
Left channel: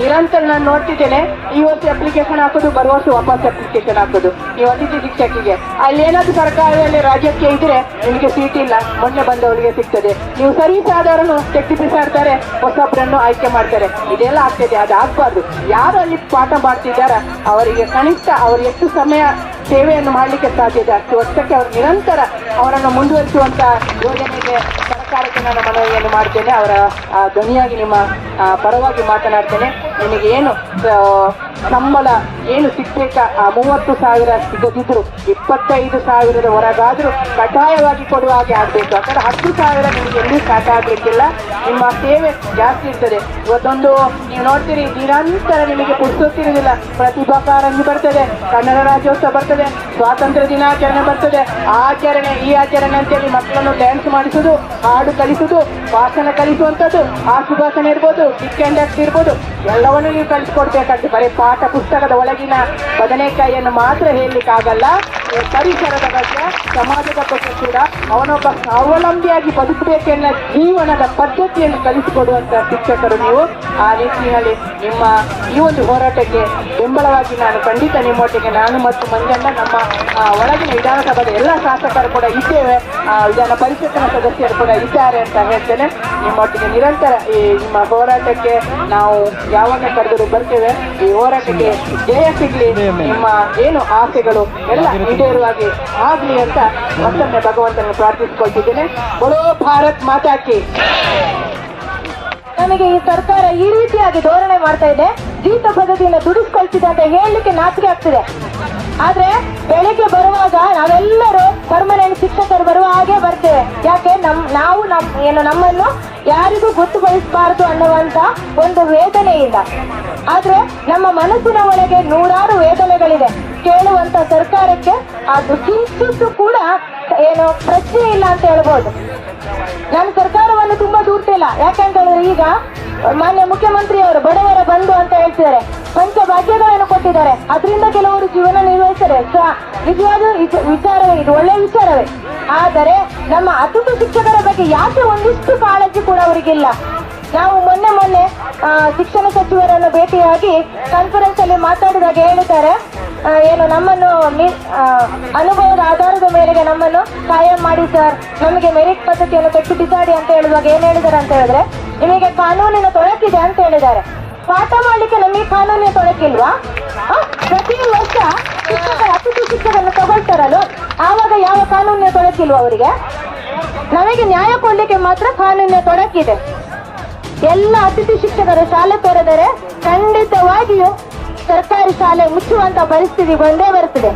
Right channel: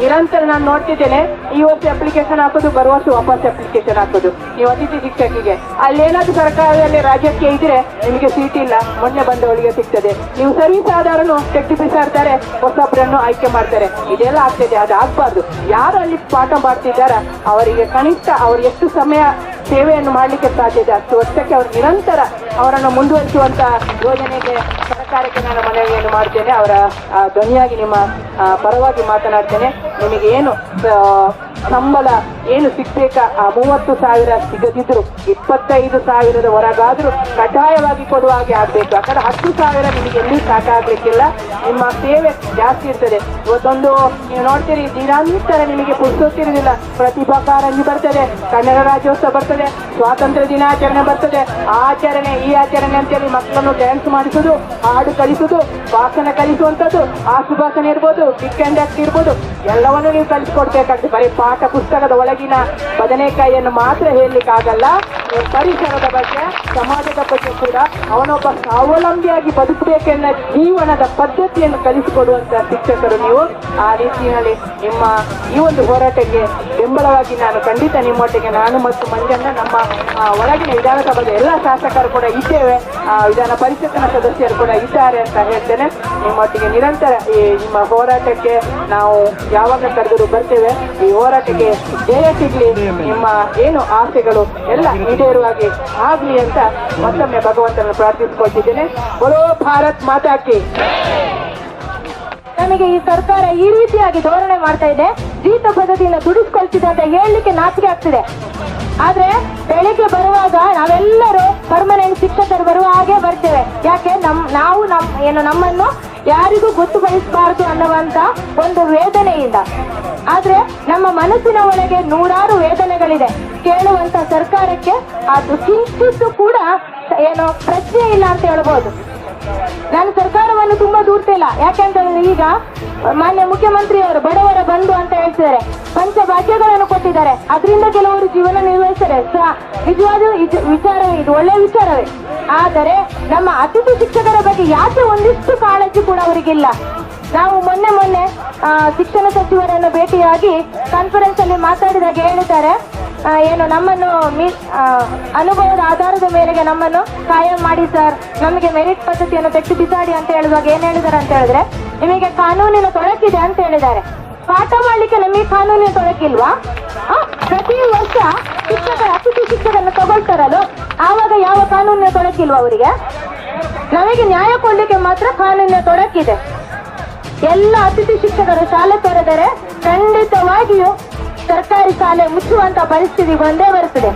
Speaker 4: ನಿರಂತರ ನಾನು ನೋಡ್ತಿದ್ದೇನೆ ವರ್ಷ ಅಪ್ಲಿಕೇಶನ್ ಹಾಕೋದು, ಬರುವ ವಾಪಸ್ ಅಪ್ಲಿಕೇಶನ್ ಹಾಕೋದು. ಈ ಅತಿಥಿ ಶಿಕ್ಷಕಿಗೆ ಅಲ್ಲಿ ಏನಾದ್ರು ಸರ್ಕಾರದಲ್ಲಿ ರಾಜ್ಯಕ್ಕೆ ಇದ್ರೆ ನಿಮಗೆ ಸೀಟ್ ಇಲ್ಲ. ಮೊನ್ನೆ ಬಂದವರಿಗೆ ಸಿಗ್ತದೆ. ನೀವು ಸರಿ ಆದವರನ್ನು ತೆಗ್ದು ಬಿಸಾಡ್ತಾರೆ ಹೊಸೊಬ್ಬರನ್ನು ಆಯ್ಕೆ ಮಾಡ್ತಾರೆ. ಇದೆಲ್ಲ ಆಗ್ತದೆ, ಅದು ಆಗ್ಬಾರ್ದು. ಯಾರು ಅಲ್ಲಿ ಪಾಠ ಮಾಡ್ತಿದ್ದಾರ? ಅವರಿಗೆ ಕನಿಷ್ಠ ಅವರು ಎಷ್ಟು ಸಮಯ ಸೇವೆಯನ್ನು ಮಾಡಲಿಕ್ಕೆ ಸಾಧ್ಯತೆ ಅಷ್ಟು ವರ್ಷಕ್ಕೆ ಅವರು ನಿರಂತರ ಅವರನ್ನು ಮುಂದುವರಿಸುವಂತಹ ಯೋಜನೆಗೆ ಸರ್ಕಾರಕ್ಕೆ ನಾನು ಮನವಿಯನ್ನು ಮಾಡ್ತೇನೆ. ಅವರ ಧ್ವನಿಯಾಗಿ ನಿಮ್ಮ ಪರವಾಗಿ ಮಾತನಾಡ್ತೇನೆ. ನಿಮಗೆ ಏನು ಸಂಬಳ ಏನು ಸಿಗ್ಬೇಕ ಆ, ಮೂವತ್ತು ಸಾವಿರ ಸಿಗದಿದ್ರು, ಇಪ್ಪತ್ತೈದು ಸಾವಿರದ ಹೊರಗಾದ್ರೂ ಕಡ್ಡಾಯವಾಗಿ ಕೊಡುವ ಹಾಗೆ ಆಗ್ಬೇಕು. ಯಾಕಂದ್ರೆ ಹತ್ತು ಸಾವಿರ ನಿಮಗೆ ಎಲ್ಲಿ ಸಾಕಾಗಬೇಕಿಲ್ಲ ನಿಮ್ಮ ಸೇವೆ ಜಾಸ್ತಿ ಇರ್ತದೆ. ಇವತ್ತೊಂದು, ನೀವು ನೋಡ್ತೀರಿ, ದಿನಾಂತರ ನಿಮಗೆ ಪುಸ್ತಕಿರುವುದಿಲ್ಲ ಪ್ರತಿಭಾ ಕಾರಂಜಿ ಬರ್ತದೆ. ಕನ್ನಡ ರಾಜ್ಯೋತ್ಸವ ಬರ್ತದೆ. ಸ್ವಾತಂತ್ರ್ಯ ದಿನಾಚರಣೆ ಬರ್ತದೆ. ಆಚರಣೆ, ಈ ಆಚರಣೆ ಅಂತೇಳಿ ಮಕ್ಕಳನ್ನು ಡ್ಯಾನ್ಸ್ ಮಾಡಿಸೋದು ಹಾಡು ಕಲಿಸುದು ಭಾಷಣ ಕಲಿಸುವಂಥದ್ದು ಆ ಸುಭಾಷಣ ಇರ್ಬೋದು ಆಕ್ಟ್ ಇರ್ಬೋದು, ಎಲ್ಲವನ್ನೂ ನೀವು ಕಲಿಸ್ಕೊಡ್ಬೇಕಾಗ್ತದೆ ಬರೀ ಪಾಠ ಪುಸ್ತಕದ ಒಳಗಿನ ಬದನೆಕಾಯಿಯನ್ನು ಮಾತ್ರ ಹೇಳಲಿಕ್ಕಾಗಲ್ಲ. ಪರಿಸರದ ಬಗ್ಗೆ, ಸಮಾಜದ ಬಗ್ಗೆ ಕೂಡ ಅವನೊಬ್ಬ ಸ್ವಾವಲಂಬಿಯಾಗಿ ಬದುಕಬೇಕೆನ್ನ ಜೀವನದ ಪದ್ಧತಿಯನ್ನು ಕಲಿಸಿಕೊಡುವಂತ ಶಿಕ್ಷಕರು ನೀವು. ಆ ರೀತಿಯಲ್ಲಿ ನಿಮ್ಮ ಈ ಒಂದು ಹೋರಾಟಕ್ಕೆ ಬೆಂಬಲವಾಗಿ ನಾನು ಖಂಡಿತ ನಿಮ್ಮೊಟ್ಟಿಗೆ ನಾನು ಮತ್ತು ಮಂಜಣ್ಣ, ನಮ್ಮ ಒಳಗಿನ ವಿಧಾನಸಭಾದ ಎಲ್ಲ ಶಾಸಕರು ಕೂಡ ಇದ್ದೇವೆ. ವಿಧಾನ ಪರಿಷತ್ತಿನ ಸದಸ್ಯರು ಕೂಡ ಇದ್ದಾರೆ. ಅಂತ ಹೇಳ್ತೇನೆ. ನಿಮ್ಮೊಟ್ಟಿಗೆ ನಿರಂತರ ಈ ನಿಮ್ಮ ಹೋರಾಟಕ್ಕೆ ನಾವು ಯಾವಾಗ ಕರೆದರೂ ಬರ್ತೇವೆ. ಈ ಹೋರಾಟಕ್ಕೆ ಜಯ ಸಿಗ್ಲಿ. ನಿಮ್ಮ ಏನು ಆಸೆಗಳು ಎಲ್ಲ ಈಡೇರುವಾಗಿ ಆಗ್ಲಿ ಅಂತ ಮತ್ತೊಮ್ಮೆ ಭಗವಂತನ ಪ್ರಾರ್ಥಿಸಿಕೊಳ್ತಿದ್ದೇನೆ. ಬರೋ ಭಾರತ್ ಮಾತಾಕಿ
Speaker 5: ನಮಗೆ ಈ ಸರ್ಕಾರ ಈ ರೀತಿಯಾಗಿ ಧೋರಣೆ ಮಾಡ್ತಾ ಇದೆ. ಜೀತ ಪದ್ಧತಿಯಿಂದ ದುಡಿಸ್ಕೊಳ್ತಿದೆ ಅಂತ ಹೇಳಲಿಕ್ಕೆ ನಾಚಿಕೆ ಆಗ್ತಿದೆ. ಆದ್ರೆ ಬೆಳಿಗ್ಗೆ ಬರುವಾಗ ನಾವೆಲ್ಲರೂ ಪರ್ಮನೆಂಟ್ ಶಿಕ್ಷಕರು ಬರುವ ಹಾಗೆ ಬರ್ತೇವೆ. ಯಾಕೆ? ನಮ್, ನಾವು ನಮ್, ಏನು ನಮ್ಮನ್ನು ಯಾರಿಗೂ ಗೊತ್ತುಪಡಿಸಬಾರದು ಅನ್ನುವಂತ ಒಂದು ವೇದನೆ ಇಲ್ಲ ಆದ್ರೆ ನಮ್ಮ ಮನಸ್ಸಿನ ಒಳಗೆ ನೂರಾರು ವೇದನೆಗಳಿದೆ. ಕೇಳುವಂತ ಸರ್ಕಾರಕ್ಕೆ ಅದು ಕಿಂಚಿತ್ತು ಕೂಡ ಏನು ಪ್ರಶ್ನೆ ಇಲ್ಲ ಅಂತ ಹೇಳ್ಬೋದು. ನಾನು ಸರ್ಕಾರವನ್ನು ತುಂಬಾ ದೂರ್ತಿಲ್ಲ ಯಾಕೆಂತ ಹೇಳಿದ್ರೆ ಈಗ ಮಾನ್ಯ ಮುಖ್ಯಮಂತ್ರಿಯವರು ಬಡವರ ಬಂಧು ಅಂತ ಹೇಳ್ತಿದ್ದಾರೆ. ಪಂಚಭಾಗ್ಯಗಳನ್ನು ಕೊಟ್ಟಿದ್ದಾರೆ ಅದರಿಂದ ಕೆಲವರು ಜೀವನ ನಿರ್ವಹಿಸ್ತಾರೆ ನಿಜವಾದ ವಿಚಾರವೇ ವಿಚಾರ ಇದು ಒಳ್ಳೆ ವಿಚಾರವೇ. ಆದರೆ ನಮ್ಮ ಅತಿಥಿ ಶಿಕ್ಷಕರ ಬಗ್ಗೆ ಯಾಕೆ ಒಂದಿಷ್ಟು ಕಾಳಜಿ ಕೂಡ ಅವರಿಗಿಲ್ಲ. ನಾವು ಮೊನ್ನೆ ಮೊನ್ನೆ ಶಿಕ್ಷಣ ಸಚಿವರನ್ನು ಭೇಟಿಯಾಗಿ ಕಾನ್ಫರೆನ್ಸ್ ಅಲ್ಲಿ ಮಾತಾಡಿದಾಗ ಹೇಳಿದ್ದಾರೆ. ಏನು ನಮ್ಮನ್ನು ಅನುಭವದ ಆಧಾರದ ಮೇರೆಗೆ ನಮ್ಮನ್ನು ಕಾಯಂ ಮಾಡಿ ಸರ್. ನಮಗೆ ಮೆರಿಟ್ ಪದ್ಧತಿಯನ್ನು ತೆಗೆದು ಬಿಸಾಡಿ ಅಂತ ಹೇಳುವಾಗ ಏನ್ ಹೇಳಿದ್ದಾರೆ ಅಂತ ಹೇಳಿದ್ರೆ, ನಿಮಗೆ ಕಾನೂನಿನ ತೊಡಕಿದೆ ಅಂತ ಹೇಳಿದ್ದಾರೆ. ಪಾಠ ಮಾಡಲಿಕ್ಕೆ ನಮಗೆ ಕಾನೂನು ತೊಡಕಿಲ್ವಾ ಪ್ರತಿ ವರ್ಷ ಶಿಕ್ಷಕರ ಅತಿಥಿ ಶಿಕ್ಷಕರನ್ನು ತಗೊಳ್ತಾರಲ್ಲ? ಆವಾಗ ಯಾವ ಕಾನೂನಿನ ತೊಡಕಿಲ್ವಾ ಅವರಿಗೆ? ನಮಗೆ ನ್ಯಾಯ ಕೊಡ್ಲಿಕ್ಕೆ ಮಾತ್ರ ಕಾನೂನಿನ ತೊಡಕಿದೆ ಎಲ್ಲ ಅತಿಥಿ ಶಿಕ್ಷಕರು ಶಾಲೆ ತೊರೆದರೆ ಖಂಡಿತವಾಗಿಯೂ ಸರ್ಕಾರಿ ಶಾಲೆ ಮುಚ್ಚುವಂತ ಪರಿಸ್ಥಿತಿ ಬಂದೇ ಬರುತ್ತದೆ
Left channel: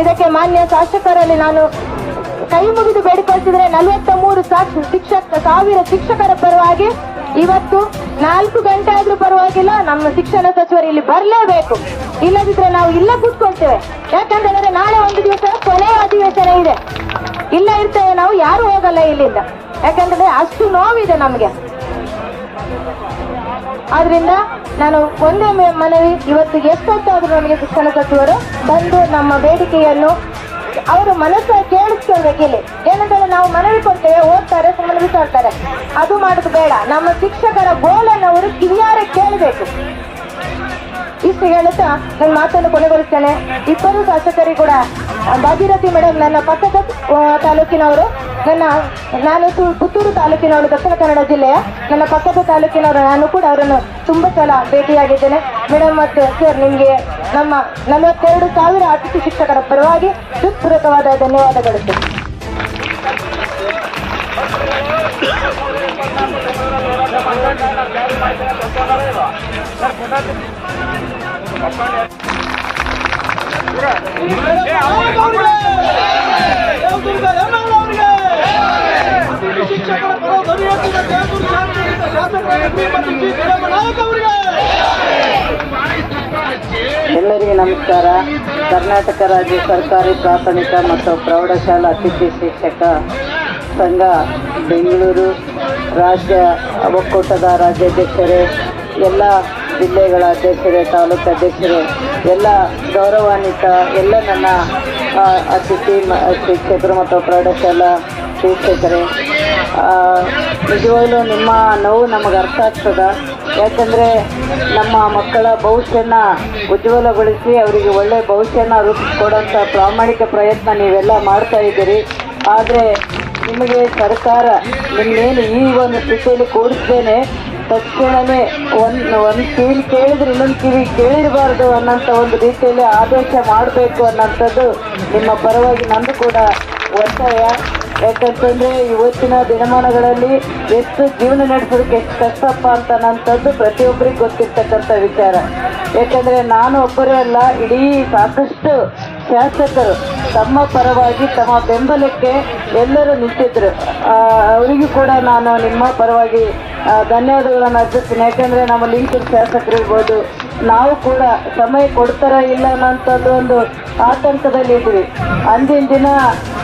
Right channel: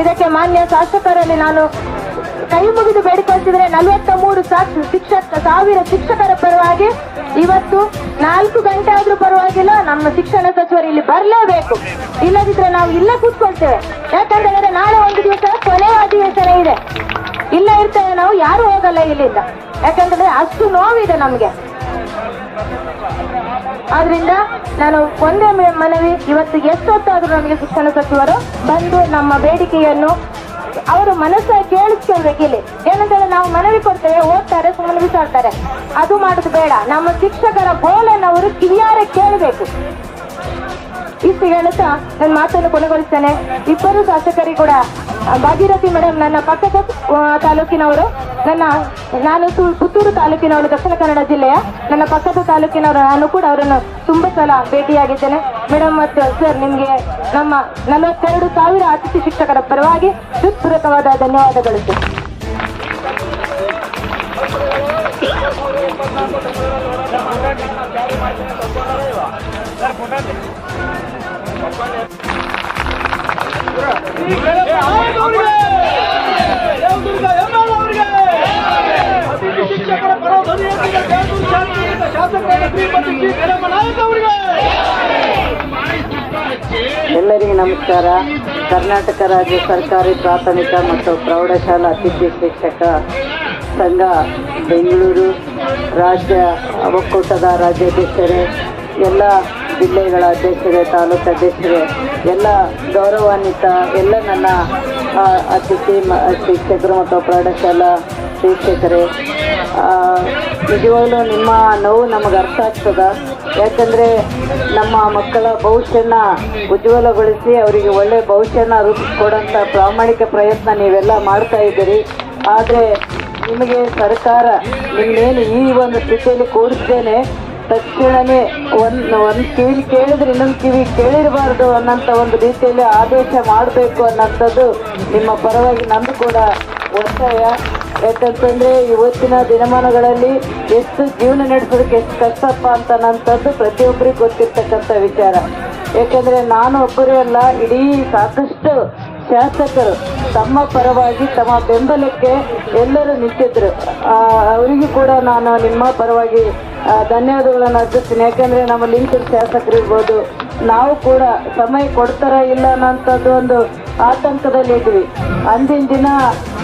Speaker 5: ಇದಕ್ಕೆ ಮಾನ್ಯ ಶಾಸಕರಲ್ಲಿ ನಾನು ಕೈ ಮುಗಿದು ಬೇಡಿಕೊಳ್ತಿದ್ರೆ ನಲವತ್ತ ಮೂರು ಶಿಕ್ಷಕ ಸಾವಿರ ಶಿಕ್ಷಕರ ಪರವಾಗಿ ಇವತ್ತು ನಾಲ್ಕು ಗಂಟೆ ಆದ್ರೂ ಪರವಾಗಿಲ್ಲ, ನಮ್ಮ ಶಿಕ್ಷಣ ಸಚಿವರು ಇಲ್ಲಿ ಬರಲೇಬೇಕು. ಇಲ್ಲದಿದ್ರೆ ನಾವು ಇಲ್ಲ ಕೂತ್ಕೊಳ್ತೇವೆ. ಯಾಕಂತಂದ್ರೆ ನಾಳೆ ಒಂದು ದಿವಸ ಕೊನೆ ಅಧಿವೇಶನ ಇದೆ. ಇಲ್ಲ ಇರ್ತೇವೆ ನಾವು, ಯಾರು ಹೋಗಲ್ಲ ಇಲ್ಲಿಂದ. ಯಾಕಂತಂದ್ರೆ ಅಷ್ಟು ನೋವಿದೆ ನಮ್ಗೆ. ಆದ್ರಿಂದ ನಾನು ಒಂದೇ ಮನವಿ ಇವತ್ತು ಎಷ್ಟೊತ್ತಾದ್ರೂ ನಮಗೆ ಶಿಕ್ಷಣ ಸಚಿವರು ಬಂದು ನಮ್ಮ ಬೇಡಿಕೆಯನ್ನು ಅವರು ಮನಸ್ಸ ಕೇಳಿಸ್ಕೊಳ್ಬೇಕು ಇಲ್ಲಿ. ಏನಂತಂದ್ರೆ ನಾವು ಮನವಿ ಕೊಡ್ತೇವೆ. ಓದ್ತಾರೆ ಸುಮ್ಮನೆ ಬಿಸಾಡ್ತಾರೆ ಅದು ಮಾಡೋದು ಬೇಡ. ನಮ್ಮ ಶಿಕ್ಷಕರ ಬೋಲನ್ನು ಅವರು ಕಿವಿಯಾರೆ ಕೇಳಬೇಕು. ಇಷ್ಟು ಹೇಳುತ್ತಾ ನನ್ನ ಮಾತನ್ನು ಕೊನೆಗೊಳಿಸ್ತೇನೆ. ಇಬ್ಬರು ಶಾಸಕರಿಗೆ ಕೂಡ, ಭಾಗೀರಥಿ ಮೇಡಮ್ ನನ್ನ ಪಕ್ಕದ ತಾಲೂಕಿನವರು, ನನ್ನ, ನಾನು ಪುತ್ತೂರು ತಾಲೂಕಿನವರು ದಕ್ಷಿಣ ಕನ್ನಡ ಜಿಲ್ಲೆಯ, ನನ್ನ ಪಕ್ಕದ ತಾಲೂಕಿನವರು, ನಾನು ಕೂಡ ಅವರನ್ನು ತುಂಬಾ ಸಲ ಭೇಟಿಯಾಗಿದ್ದೇನೆ. ಮೇಡಮ್ ಮತ್ತು ಸರ್, ನಿಮಗೆ ನಮ್ಮ ನಲವತ್ತೆರಡು ಸಾವಿರ ಅತಿಥಿ ಶಿಕ್ಷಕರ ಪರವಾಗಿ ಹೃತ್ಪೂರ್ವಕವಾದ ಧನ್ಯವಾದಗಳು
Speaker 2: ಅವರಿಗೆ
Speaker 6: ಎಲ್ಲರಿಗೂ ನಮಸ್ಕಾರ. ಕರ್ನಾಟಕ ರಾಜ್ಯ ಸರ್ಕಾರಿ ಪ್ರಾಥಮಿಕ ಮತ್ತು ಪ್ರೌಢಶಾಲಾ ಅತಿಥಿ ಶಿಕ್ಷಕ ಸಂಘ ಬೆಂಗಳೂರು. ರಾಜ್ಯ ಒಕ್ಕೂಟದ ರಾಜ್ಯಾಧ್ಯಕ್ಷರೇ, ಎಲ್ಲ ಜಿಲ್ಲೆಗಳ ಅಧ್ಯಕ್ಷರೇ, ತಾಲೂಕು ಅಧ್ಯಕ್ಷರೇ, ಎಲ್ಲ ಗೌರವಾನ್ವಿತ, ಎಲ್ಲ ನನ್ನ ಅತಿಥಿ ಶಿಕ್ಷಕರು ಮತ್ತು ಪ್ರೌಢಶಾಲಾ ಶಿಕ್ಷಕರೇ ನಿಜವಾಗ್ಲೂ ನಿಮ್ಮ ನೋವು ನಮಗೆ ಅರ್ಥ ಆಗ್ತದ? ಯಾಕಂದರೆ ನಮ್ಮ ಮಕ್ಕಳ ಭವಿಷ್ಯನ ಉಜ್ವಲಗೊಳಿಸಿ ಅವರಿಗೆ ಒಳ್ಳೆಯ ಭವಿಷ್ಯನ ರೂಪಿಸ್ಕೊಡೋಂಥ ಪ್ರಾಮಾಣಿಕ ಪ್ರಯತ್ನ ನೀವೆಲ್ಲ ಮಾಡ್ತಾ ಇದ್ದೀರಿ. ಆದರೆ ನಿಮಗೆ ಸರ್ಕಾರ ನಿಮ್ಮೇನು ಈ ಒಂದು ಸ್ಥಿತಿಯಲ್ಲಿ ಕೂಡಿಸ್ತೇನೆ ತಕ್ಷಣವೇ ಒಂದು ಒಂದು ಕಿವಿ ಕೇಳಿದ್ರೆ ಇನ್ನೊಂದು ಕಿವಿ ಕೇಳಿರಬಾರ್ದು ಅನ್ನೋಂಥ ಒಂದು ರೀತಿಯಲ್ಲಿ ಆದೇಶ ಮಾಡಬೇಕು ಅನ್ನೋಂಥದ್ದು ನಿಮ್ಮ ಪರವಾಗಿ ನಂದು ಕೂಡ ಒತ್ತಾಯ. ಯಾಕಂತಂದರೆ ಇವತ್ತಿನ ದಿನಮಾನಗಳಲ್ಲಿ ಎಷ್ಟು ಜೀವನ ನಡೆಸೋದಕ್ಕೆ ಎಷ್ಟು ಕಷ್ಟಪ್ಪ ಅಂತ ಅನ್ನೋಂಥದ್ದು ಪ್ರತಿಯೊಬ್ಬರಿಗೆ ಗೊತ್ತಿರ್ತಕ್ಕಂಥ ವಿಚಾರ. ಯಾಕಂದರೆ ನಾನು ಒಬ್ಬರೇ ಅಲ್ಲ, ಇಡೀ ಸಾಕಷ್ಟು ಶಾಸಕರು ತಮ್ಮ ಪರವಾಗಿ ತಮ್ಮ ಬೆಂಬಲಕ್ಕೆ ಎಲ್ಲರೂ ನಿಂತಿದ್ರು. ಅವರಿಗೂ ಕೂಡ ನಾನು ನಿಮ್ಮ ಪರವಾಗಿ ಧನ್ಯವಾದಗಳನ್ನು ಅರ್ಜಿಸ್ತೀನಿ ಯಾಕೆಂದರೆ ನಮ್ಮ ಲಿಂಕಿನ ಶಾಸಕರು ಇರ್ಬೋದು, ನಾವು ಕೂಡ ಸಮಯ ಕೊಡ್ತಾರ ಇಲ್ಲ ಅನ್ನೋಂಥದ್ದು ಒಂದು ಆತಂಕದಲ್ಲಿ ಇದ್ವಿ ಅಂದಿನ ದಿನ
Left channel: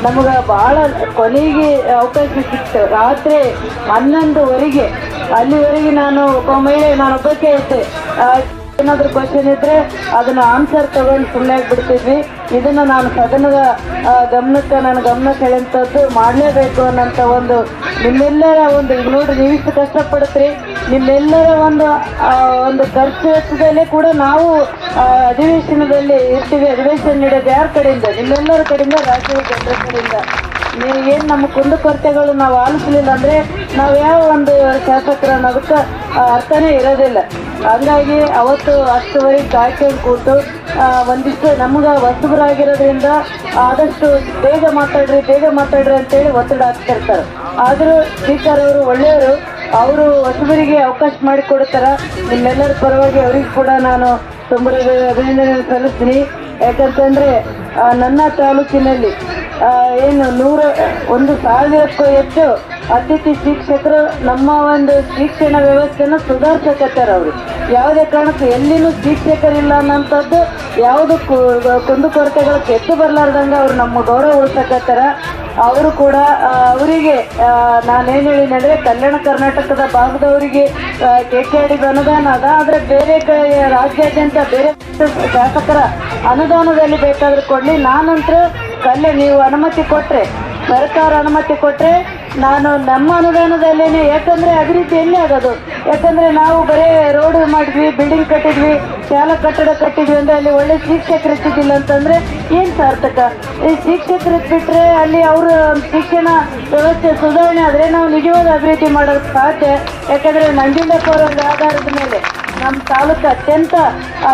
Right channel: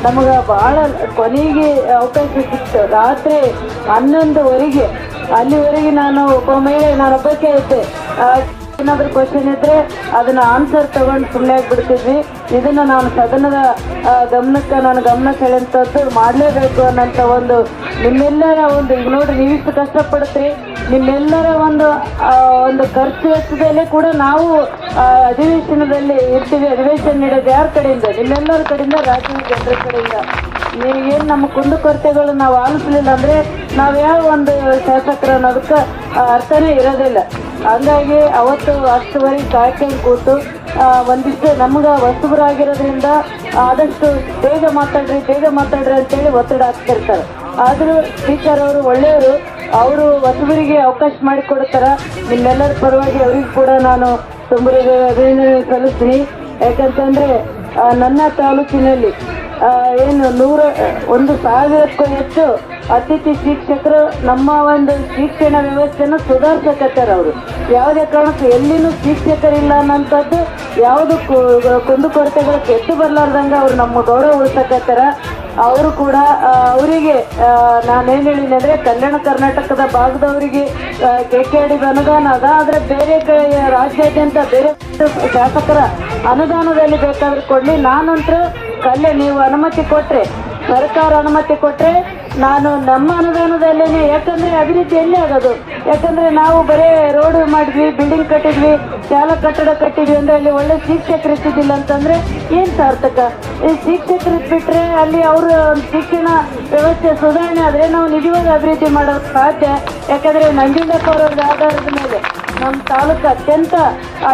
Speaker 6: ನಮಗೆ ಬಹಳ ಕೊನೆಗೆ ಅವಕಾಶ ಸಿಕ್ತು. ರಾತ್ರಿ ಹನ್ನೊಂದುವರೆಗೆ, ಅಲ್ಲಿವರೆಗೆ ನಾನು ಒಬ್ಬ ಮಹಿಳೆ ನಾನು ಒಬ್ಬಕ್ಕೆ ಇದ್ದೆ ಏನಾದ್ರು ಕ್ವಶನ್ ಇದ್ರೆ ಅದನ್ನ ಆನ್ಸರ್ ತಗೊಂಡು ಸುಮ್ಮನೆ ಆಗ್ಬಿಡ್ತಿದ್ವಿ. ಇದನ್ನ ನಾನು ಸದನದ ಗಮನಕ್ಕೆ ನಾನು ಗಮನ ಸೆಳೆಂಥದ್ದು ಮಾಡಲೇಬೇಕು ಅನ್ನೋಂಥ ಒಂದು ನಿಮ್ಮೆಲ್ಲರ ಒಂದು ನೋಡಿ ನೀವು ಕಷ್ಟಪಡ್ತೀರಿ ನಿಮ್ಮೆಲ್ಲರ ಒಂದು ಒಂದು ಖರ್ಚು ಕೂಡ ನಾವು ಅಧಿವೇಶನದಲ್ಲಿ ಇರ್ತೀವಿ ಅಧಿವೇಶನ ನೀಡೋದು ಯಾರ ಕಡೆಯಿಂದ? ನಿಮ್ಮೆಲ್ಲರ ಕಡೆಯಿಂದ, ರಾಜ್ಯದ ಜನರ ಕಡೆಯಿಂದ. ನೀವು ಏನು ನಮ್ಮ ಕುಂದುಕೊರತೆಗಳು ನಾವು ಆಲಿಸಲಿಲ್ಲ ಅಂದರೆ ನಾವು ಯಾವ ಒಂದು ಶಾಸಕರನ್ನ ಅದಕ್ಕೆ ಅರ್ಥನೇ ಇರೋದಿಲ್ಲ. ಹಂಗಾಗಿ ಅವತ್ತು ಅಷ್ಟು ಕಾಯ್ಕೊಂಡು ಕೂತು ಒಂದಿಷ್ಟು ನಮ್ಗೆ ವಸ್ತುಗಳಾಗಿರೋದ್ರಿಂದ ಆದಷ್ಟು ಬೇಗ ಮಾತಾಡ್ರಿ ಬೇಗ ಮಾತಾಡ್ರಿ ಅಂತೇಳಿ ಒತ್ತಡ ಹಾಕ್ತಿರ್ತಾರೆ. ಆದರೂ ಸ್ಪೀಕರ್ ಅವರು ಒಳ್ಳೆಯವರು. ಅವರು ಹೊಸಬರಿಗೆ ಅವಕಾಶ ಮಾಡಿಕೊಡ್ತಾರೆ. ನಿಮ್ಮೆಲ್ಲರ ಪರವಾಗಿ ಅವ್ರಿಗೆ ಕೂಡ ನಾನು ತುಂಬ ಅಭಿನಂದನೆ ಸಲ್ಲಿಸ್ತೀನಿ. ಯಾಕಂತಂದ್ರೆ ನನ್ನ ತಾಲೂಕಿನಲ್ಲಿ ಏನು, ನೂರ, ಒಂದು ಸಾವಿರಕ್ಕೂ ಹೆಚ್ಚು ಅತಿಥಿ ಶಿಕ್ಷಕರು ನಮ್ಮ ಒಂದು ಶಿಕ್ಷಣ ವ್ಯವಸ್ಥೆಯನ್ನು ಸುಧಾರಿಸಕತ್ತಾರೆ ಅವರು. ಯಾವುದೇ ಕಾರಣಕ್ಕೂ ಎಲ್ಲಿನೂ ಶಿಕ್ಷಕರಿಲ್ಲ ಅನ್ನೋಂಥದ್ದು ಯಾವುದು ಕುಂದುಕೊರತೆಗಳು ಕೆಟ್ಟು ಬರ್ಲಾರ್ದಂಗೆ ಅವ್ರು ನಮ್ಮ ಗೌರವ ಉಳಿಸಕತ್ತಾರ. ಅವರು ಕೂಡ ಅವರಿಗೆ ನಾನೇನು ಹೇಳಿದ್ರೆ ಕಲ್ಯಾಣ ಕರ್ನಾಟಕದ ಭಾಗದವರಿಗೆ ಕೆ ಕೆ ಅನುದಾನ ಅದ, ಆದರೆ ಬೇರೆ ಕಡೆ ರಾಜ್ಯಾದ್ಯಂತ ಬೇರೆ ಶಾಸಕರ ಅನುದಾನದಲ್ಲಿ ಬೇಕಾದ್ರೆ ಕೊಡ್ಲಿ. ನಾನಂತರ ಕಲ್ಲೆ ನೀವು ಅನುಮತಿ ಕೊಟ್ಟರೆ ಸರ್ಕಾರ ಅನುಮತಿ ಕೊಟ್ಟರೆ ನಾನು ನಮ್ಮ ಅನುದಾನದಲ್ಲೇನೆ, ಯಾಕಂದ್ರೆ ಅಭಿವೃದ್ಧಿ ಎಲ್ಲಿ ಆಗೋದು? ಯಾಕಂದ್ರೆ ನಾವು ಬರೀ ರೋಡ್ ಮಾಡಿದ್ವಿ ಬಿಲ್ಡಿಂಗ್ ಕಟ್ಟಿದ್ವಿ, ಶಾಲಾ ಕಟ್ಟಡ ಕಟ್ಟಿದ್ವಿ ಅಂದರೆ ಅಲ್ಲಿ ಒಳ್ಳೆ ಶಿಕ್ಷಕರು ಇರ್ತಿದ್ದಿಲ್ಲ ಅಂತಂದ್ರೆ ಏನು ಸಾರ್ಥಕ? ಈ ಶಿಕ್ಷಕರು ಬಿಟ್ರೆ ಅಲ್ಲಿ ಅವರ ಶಿಕ್ಷಣ ವ್ಯವಸ್ಥೆ ಸುಧಾರಣೆ ಆದರೆ ನಾವು ನಿಜವಾದ ಅಭಿವೃದ್ಧಿ ಮಾಡೋದು ಸಾಧ್ಯ. ಯಾಕಂದ್ರೆ ಮಂಜುಂಡಪ್ಪ ಅವರ ಆಧಾರದ ಮೇಲೆ ನಮ್ಮ ತಾಲೂಕು ಅತ್ಯಂತ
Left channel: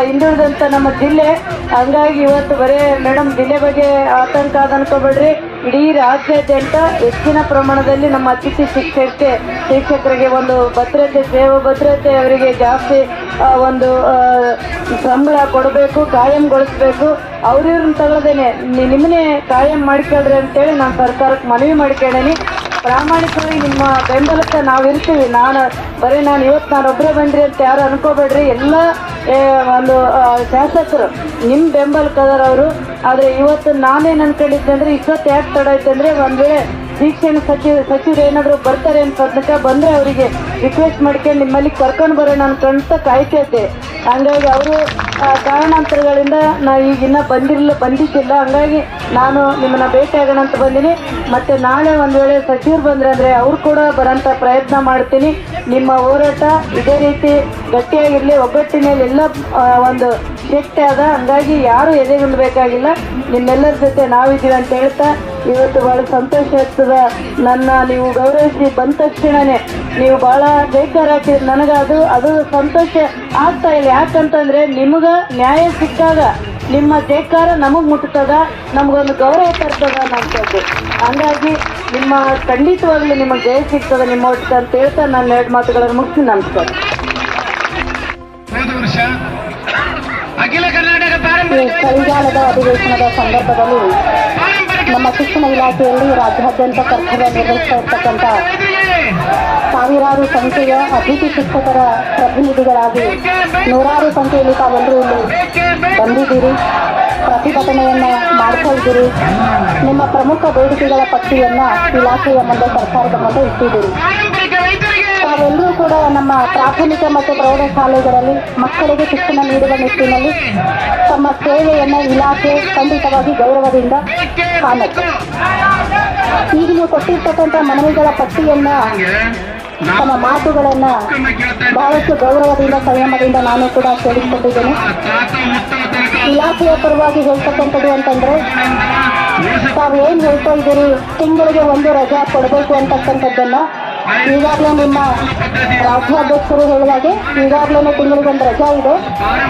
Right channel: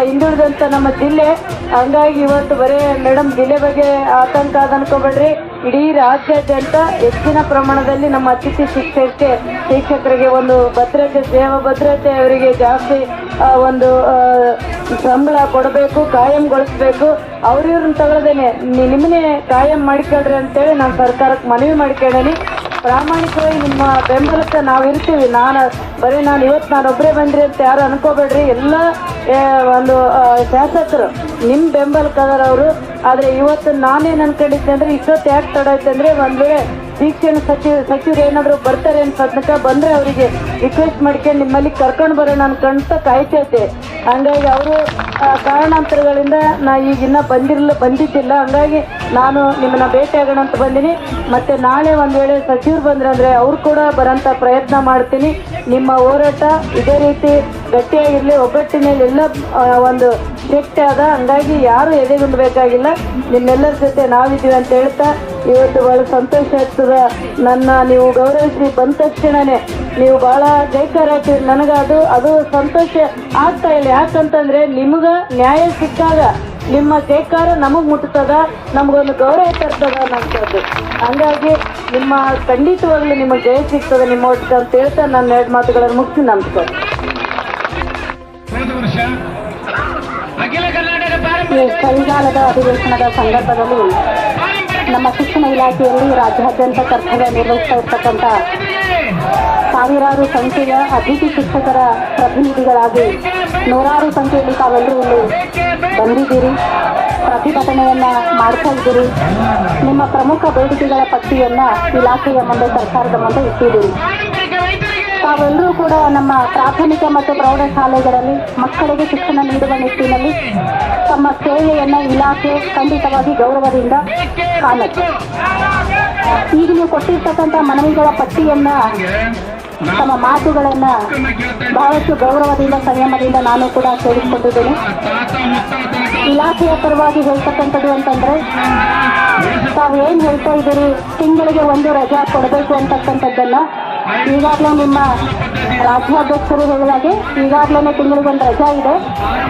Speaker 6: ಹಿಂದುಳಿದಂಥ ನಮ್ಮ ಜಿಲ್ಲೆ. ಹಂಗಾಗಿ ಇವತ್ತು ಬರೇ ಮೇಡಮ್ ಜಿಲ್ಲೆ ಬಗ್ಗೆ ಆತಂಕ ಆದ ಅನ್ಕೋಬೇಡ್ರಿ. ಇಡೀ ರಾಜ್ಯಾದ್ಯಂತ ಹೆಚ್ಚಿನ ಪ್ರಮಾಣದಲ್ಲಿ ನಮ್ಮ ಅತಿಥಿ ಶಿಕ್ಷಕಕ್ಕೆ ಶಿಕ್ಷಕರಿಗೆ ಒಂದು ಭದ್ರತೆ ಸೇವಾ ಭದ್ರತೆ ಅವರಿಗೆ ಜಾಸ್ತಿ ಒಂದು ಸಂಬಳ ಕೊಡಬೇಕು, ಕಾಯಂಗೊಳಿಸ್ಬೇಕು. ಅವ್ರಿವ್ರನ್ನ ತಗೊಳ್ದೇನೆ. ನಿಮ್ಮನ್ನೇ ಕಾಯಂ ಮಾಡ್ಕೊಳ್ರಿ ಅಂತೇಳಿ ನಾವು ಸರ್ಕಾರಕ್ಕೆ ಮನವಿ ಮಾಡ್ಕೊಂಡೇನಿ ಪ್ರಾಮಾಣಿಕವಾಗಿ ನಿಮ್ಮ ಬೆಂಬಲಕ್ಕೆ ನಾವು ಇರ್ತೀವಿ. ನಾನು ಬರೀ ನಾನು ಇವತ್ತು ನಾನು ಒಬ್ಬರೇ ಬಂದ್ರಿ ಅಂತ ಯಾರು ಅನ್ಕೋಬೇಡ್ರಿ. ಎಲ್ಲ ಒಂದು ಶಾಸಕರು ನಿಮ್ಮ ಬೆಂಬಲಕ್ಕೆ ಅವರು ಆದರೆ ಇವತ್ತು ನಾನೇನು ಅನ್ಕೊಂಡಿದ್ದೆ ಅಂದರೆ, ಇಷ್ಟೊತ್ತು ಯಾಕೆ ತಡ ಐತೆ ಅಂದರೆ ಒಂದು ವೇಳೆ ಶಿಕ್ಷಣ ಸಚಿವ ಸಚಿವರು ಏನಾದ್ರು ಬರ್ತಾರೆ ಅಂತ ಬಂದರೆ ಅವರಿಗೆ ರಿಕ್ವೆಸ್ಟ್ ಮಾಡ್ಕೊಂಡು ನಿಮ್ಮಲ್ಲಿ ಕರ್ಕೊಂಡು ಬರೋಣ ಅಂತ ಕಾಯ್ತೈತೆ. ಹಂಗಾಗಿ ಅವರು ಕಾರಣಾಂತರಗಳಿಂದ ನಾ ಈಗ ಇನ್ನ ಬಂದಿರಲಿಲ್ಲ ಬಂದಿದ್ದಿಲ್ಲ. ಹಂಗಾಗಿ ನಾನು ನಿಮ್ಮನ್ನ ಭೇಟಿ ಅಂತ ಬಂದೀನಿ. ಮತ್ತೆ ನಾಳೆ ಒಂದ್ ವೇಳೆ ಸಚಿವರು ಬಂದ್ರೆ ಅಂದ್ರೆ ಅವ್ರು ಕೂಡ ಬರೋಂಥ ಪ್ರಯತ್ನ ಮಾಡ್ತೀನಿ. ನಿಮ್ಮ ಹೋರಾಟ ಇದೇ ರೀತಿ ಗಟ್ಟಿಯಾಗಿರ್ಲಿ ಒಗ್ಗಟ್ಟಿನಲ್ಲಿ ಎಲ್ಲ ಒಂದು ಶಕ್ತಿ ಅದ ಹಂಗಾಗಿ ಯಾರು ಎದೆಗುಂದಬೇಕಾಗಿಲ್ಲ ನಿಮ್ಮೆಲ್ಲರ ಜೊತೆ ನಾವಿದ್ದೀವಿ ಅಂತ ಹೇಳ್ತಾ ಇವತ್ತು ಬಹಳ ಸಂತೋಷ ಆಗ್ತದ? ನನ್ನ ನೀವು ಗೌರವಿಸಿ ಬಂದ ತಕ್ಷಣನೇ ನೀವು ಬಹಳ ಜೈಕಾರ ನನಗ ನನಗೆ ಅದು ಅದು ಸಂತೋಷ ಆಗ್ತಾ ಇಲ್ಲ ಯಾಕಂತಂದ್ರೆ ನಿಮಗ ನ್ಯಾಯ ಸಿಕ್ಕಾಗ ನಿಮ್ಮ ಜೈಕಾರ ನಮಗ್ ಮುಟ್ತದ ನಮ್ಗೊಂದು ಗೌರವ ತರ್ತದ ಅನ್ನೋಂಥದ್ದು ಹಂಗಾಗಿ ನಿಮ್ಮ ಖಂಡಿತವಾಗ್ಲೂ ನಿಮ್ಮ ಜಯ ಸಿಗ್ತದೆ ನಿಮ್ಮ ಒಟ್ಟಿಗೆ ಅಂತ ಹೇಳ್ತಾ ನನ್ನ ಎರಡು ಮಾತುಗಳನ್ನು ಮುಗಿಸಿ ನಮಸ್ಕಾರ.
Speaker 7: ಅಖಿಲ ಕರ್ನಾಟಕ
Speaker 8: ಅಧಿವೇಶನದ ಸಂದರ್ಭದಲ್ಲಿ ನಮ್ಮ ಶಿಕ್ಷಣ ಇಲಾಖೆಯಲ್ಲಿ ರಾಜ್ಯಾದ್ಯಂತ ಕರ್ತವ್ಯ ನಿರ್ವಹಿಸ್ತಾ ಇರ್ತಕ್ಕಂಥ ಸಾವಿರಾರು ಸಂಖ್ಯೆಯ ಅತಿಥಿ ಶಿಕ್ಷಕರ ಪ್ರತಿನಿಧಿಗಳಾಗಿ ನೂರಾರು ಸಂಖ್ಯೆಯಲ್ಲಿ ತಾವೆಲ್ಲರೂ ಬಂದಿದ್ದೀರಿ. ಪ್ರತಿಭಟನೆಯನ್ನ ಮಾಡ್ತಾ ಇದ್ದೀರಿ. ನಿಮ್ಮ ಪ್ರಮುಖ ಬೇಡಿಕೆಗಳ ಪಟ್ಟಿಯನ್ನು ಇಲಾಖೆಯ ಮುಂದೆ ಸರ್ಕಾರದ ಮುಂದೆ ಇಟ್ಟಿದ್ದೀರಿ. ಕೂಡ ನಮ್ಮ ಪ್ರಾಥಮಿಕ ಮತ್ತು ಪ್ರೌಢಶಾಲೆಗಳಲ್ಲಿ ಮಕ್ಕಳಿಗೆ ಶಿಕ್ಷಣ ನೀಡುವ ನಿಟ್ಟಿನಲ್ಲಿ ತಮ್ಮ ಸೇವೆಯನ್ನು ಇಲಾಖೆ ಖಂಡಿತವಾಗಿ ಗೌರವದಿಂದ ಕಾಣುತ್ತೆ. ಈಗ ನೀವು ಕೊಟ್ಟಿರ್ತಕ್ಕಂಥ ಮನವಿಗಳ ಪಟ್ಟಿಯನ್ನ ತಮ್ಮ ಮಾತುಗಳನ್ನ ಬಹಳಷ್ಟು ಗೌರವದಿಂದ, ಸಂಯಮದಿಂದ ನಾನು ಕೂಡ ಕೇಳಿಕೊಂಡಿದ್ದೇನೆ ಇಲಾಖೆಯ ಪರವಾಗಿ ಹೇಳ್ತಕ್ಕಂಥದ್ದು ಅಂತಂದ್ರೆ, ತಾವು ಏನ್ ಹೇಳ್ತಾ ಇದ್ದೀರಿ, ತಿಂಗಳಿಗೆ ಒಂದು ರಜಾ ಕೊಡಬೇಕು ಅಂತಕ್ಕಂಥದ್ದನ್ನ ಈಗಾಗಲೇ ನಿಮ್ಮ ರಾಜ್ಯಾಧ್ಯಕ್ಷರು ಹೇಳುವಾಗೆ ಈಗಾಗಲೇ ತಿಂಗಳಿಗೆ ಒಂದು ರಜಾ ಇದೆ.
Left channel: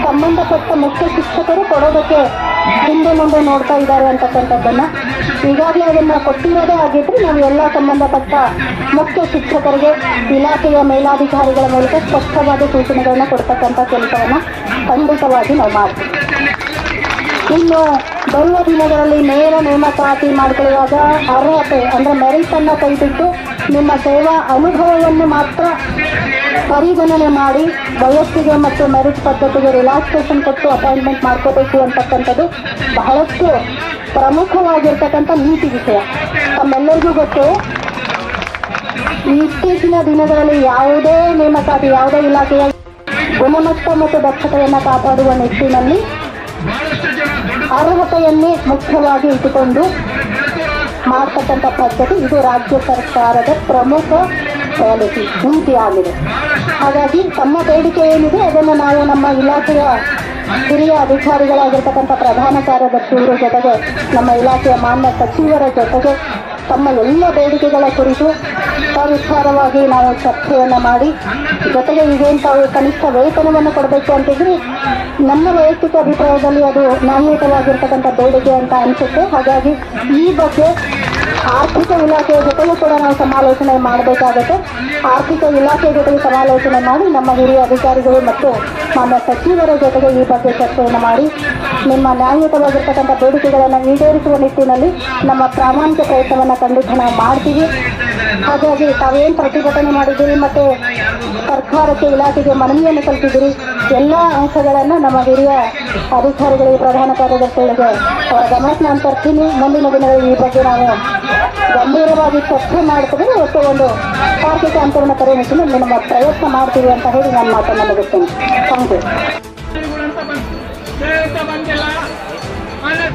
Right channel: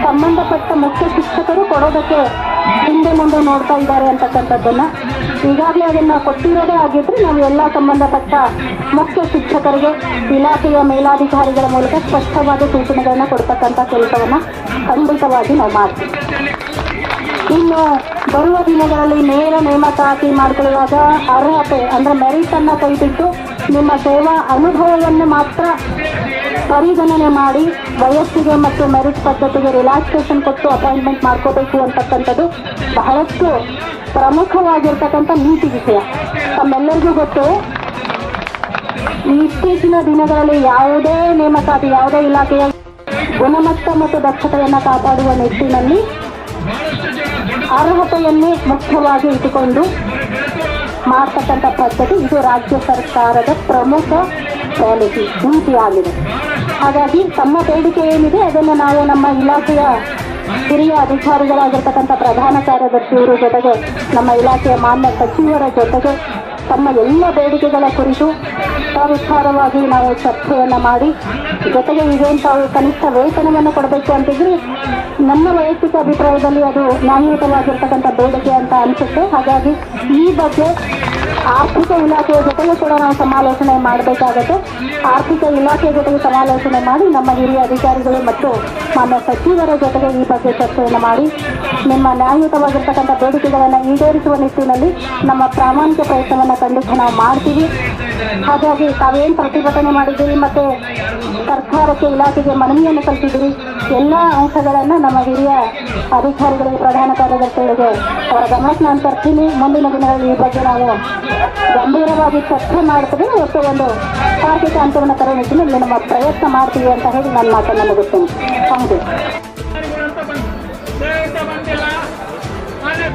Speaker 8: ಸಂಬಂಧಪಟ್ಟ ಮುಖ್ಯ ಶಿಕ್ಷಕರು ಕೊಡೋದಕ್ಕೆ ಹಿಂದೆ ಮುಂದೆ ನೋಡ್ತಾ ಇದ್ದಾರೆ ಅಂತಕ್ಕಂಥದ್ದನ್ನ. ಈಗಾಗಲೇ ಅದನ್ನ ಕೊಟ್ಟಿರೋದೇ ಆಗಿದ್ರೆ ನಾವು ಎಲ್ಲ ಸಂಬಂಧಪಟ್ಟ ಮುಖ್ಯ ಶಿಕ್ಷಕರಿಗೆ, ಇಲಾಖೆಯ ಮೇಲಾಧಿಕಾರಿಗಳ ಮೂಲಕ ಸ್ಪಷ್ಟವಾದ ಸೂಚನೆಗಳನ್ನ ಕೊಡ್ತಕ್ಕಂಥ ಕೆಲಸವನ್ನ ಖಂಡಿತವಾಗಿ ನಾವು ಮಾಡ್ತೀವಿ. ಇನ್ನು ಬರುವ ದಿನಗಳಲ್ಲಿ ನೇರ ನೇಮಕಾತಿ ಮಾಡ್ಕೊಳ್ಳುವಾಗ ಅರ್ಹತೆ ಅಂದ್ರೆ ಮೆರಿಟ್ ಅನ್ನ ಕೈಬಿಟ್ಟು ನಿಮ್ಮ ಸೇವಾ ಅನುಭವವನ್ನು ಮಾತ್ರ ಪರಿಗಣನೆ ಮಾಡಿ, ವಯಸ್ಸಿಗೆ ಮತ್ತು ಮೆರಿಟ್ ಪದ್ಧತಿಗೆ ರಿಲ್ಯಾಕ್ಸೇಷನ್ ಕೊಟ್ಟು ಅಪಾಯಿಂಟ್ಮೆಂಟ್ ಮಾಡ್ಕೋಬೇಕು ಅಂತಕ್ಕಂಥದ್ದು ಬಹಳಷ್ಟು ಪ್ರಮುಖವಾಗಿರ್ತಕ್ಕಂಥ ನೀತಿ ವಿಷಯ. ತಮ್ಮೆಲ್ಲರಿಗೂ ಗೊತ್ತು? ಇತ್ತೀಚಿನ ದಿನಗಳಲ್ಲಿ ಯಾವುದೇ ನೇಮಕಾತಿ, ಯಾವುದೇ ಇಲಾಖೆಯ ಗುಣಮಟ್ಟ ಮತ್ತು ದಕ್ಷತೆಯನ್ನು ಕಾಪಾಡುವ ನಿಟ್ಟಿನಲ್ಲಿ ಅರ್ಹತೆಯನ್ನೇ ಮುಖ್ಯವಾಗಿ ಇಟ್ಟುಕೊಂಡು ಮಾಡ್ತಕ್ಕಂಥ ಪದ್ಧತಿ ಇದು ರಾಜ್ಯ ಸರ್ಕಾರದ ಪ್ರಮುಖ ಪಾಲಿಸಿ ಆಗಿದೆ. ಹಾಗಾಗಿ ತಮ್ಮ ಬೇಡಿಕೆ ಏನಿದೆ ಅದನ್ನು ನಾವು ನಮ್ಮ ಇಲಾಖೆಯ ಹಿರಿಯ ಅಧಿಕಾರಿಗಳಾಗಿರ್ತಕ್ಕಂಥ ಪ್ರಧಾನ ಕಾರ್ಯದರ್ಶಿಯವರ ಜೊತೆಗೆ ನಮ್ಮ ಇಲಾಖೆಯ ಮಾನ್ಯ ಸಚಿವರ ಜೊತೆಗೆ ತಮ್ಮ ಎಲ್ಲ ಬೇಡಿಕೆಗಳ ಕುರಿತು ಸವಿಸ್ತಾರವಾಗಿ ನಾವು ಚರ್ಚೆಯನ್ನು ಮಾಡಿ, ಜೊತೆಗೆ ತಾವು ಕನಿಷ್ಠ ವೇತನವನ್ನು ಕೊಡಬೇಕು ಅಂತಿದ್ರೆ ನಮ್ಮ ವೈಯಕ್ತಿಕ ಅಭಿಪ್ರಾಯದಲ್ಲಿ ಅದು ನ್ಯಾಯಯುತವಾಗಿರ್ತಕ್ಕಂಥ ಬೇಡಿಕೆ ಅಂತ ಅನಿಸುತ್ತೆ. ಹಾಗಾಗಿ ಈ ಬಗ್ಗೆ ಆರ್ಥಿಕ ಇಲಾಖೆಯ ಜೊತೆಗೆ ಕೂಡ ನಾವು ಸಮಾಲೋಚನೆ ಮಾಡಬೇಕಾಗುತ್ತೆ. ಆರ್ಥಿಕ ಇಲಾಖೆ ಜೊತೆಗೆ ಸಮಾಲೋಚನೆ ಮಾಡಿ ನಮ್ಮ ಹಿರಿಯ ಅಧಿಕಾರಿಗಳು ಮತ್ತು ನಮ್ಮ ಸಚಿವರ ಜೊತೆಗೆ ಈ ಬಗ್ಗೆ ಚರ್ಚೆಯನ್ನು ಮಾಡಿ. ನಿಮ್ಮ ನ್ಯಾಯಯುತವಾಗಿರ್ತಕ್ಕಂಥ ಬೇಡಿಕೆಗಳನ್ನು ಈಡೇರಿಸುವ ನಿಟ್ಟಿನಲ್ಲಿ ನಮ್ಮ ಪ್ರಾಮಾಣಿಕ ಪ್ರಯತ್ನವನ್ನು ಖಂಡಿತ ನಾವು ಮಾಡ್ತೀವಿ. ಹಾಗಾಗಿ ತಾವೇನು ಪ್ರತಿಭಟನೆ ಮಾಡಿದ್ದೀರಿ ಮತ್ತು ಸರ್ಕಾರಕ್ಕೆ, ಇಲಾಖೆಗೆ ಮನವಿಯನ್ನು ಕಲ್ತಿದ್ದೀರಿ ಎಲ್ಲ ಅಂಶಗಳನ್ನು ನಮ್ಮ ಹಿರಿಯ ಅಧಿಕಾರಿಗಳಿಗೆ ಪ್ರಧಾನ ಕಾರ್ಯದರ್ಶಿಗಳಿಗೆ ಅವರ ಗಮನಕ್ಕೆ ನಾನು ತರ್ತೀನಿ. ಮುಂದಿನ ದಿನಗಳಲ್ಲಿ ಈ ಬಗ್ಗೆ ನಾವು ಗಂಭೀರವಾಗಿ ಚರ್ಚೆ ಮಾಡ್ತೀವಿ. ಮತ್ತು ಒಂದು ಆರ್ಥಿಕ ತರುವ ನಿಮ್ಮ ನಮ್ಮ ಪ್ರಯತ್ನ ಮಾಡ್ತೀವಿ ಅಂತ ಹೇಳಿ ನಾನು ಮಾತನ್ನು ಮುಗಿಸ್ತೇನೆ. Thank you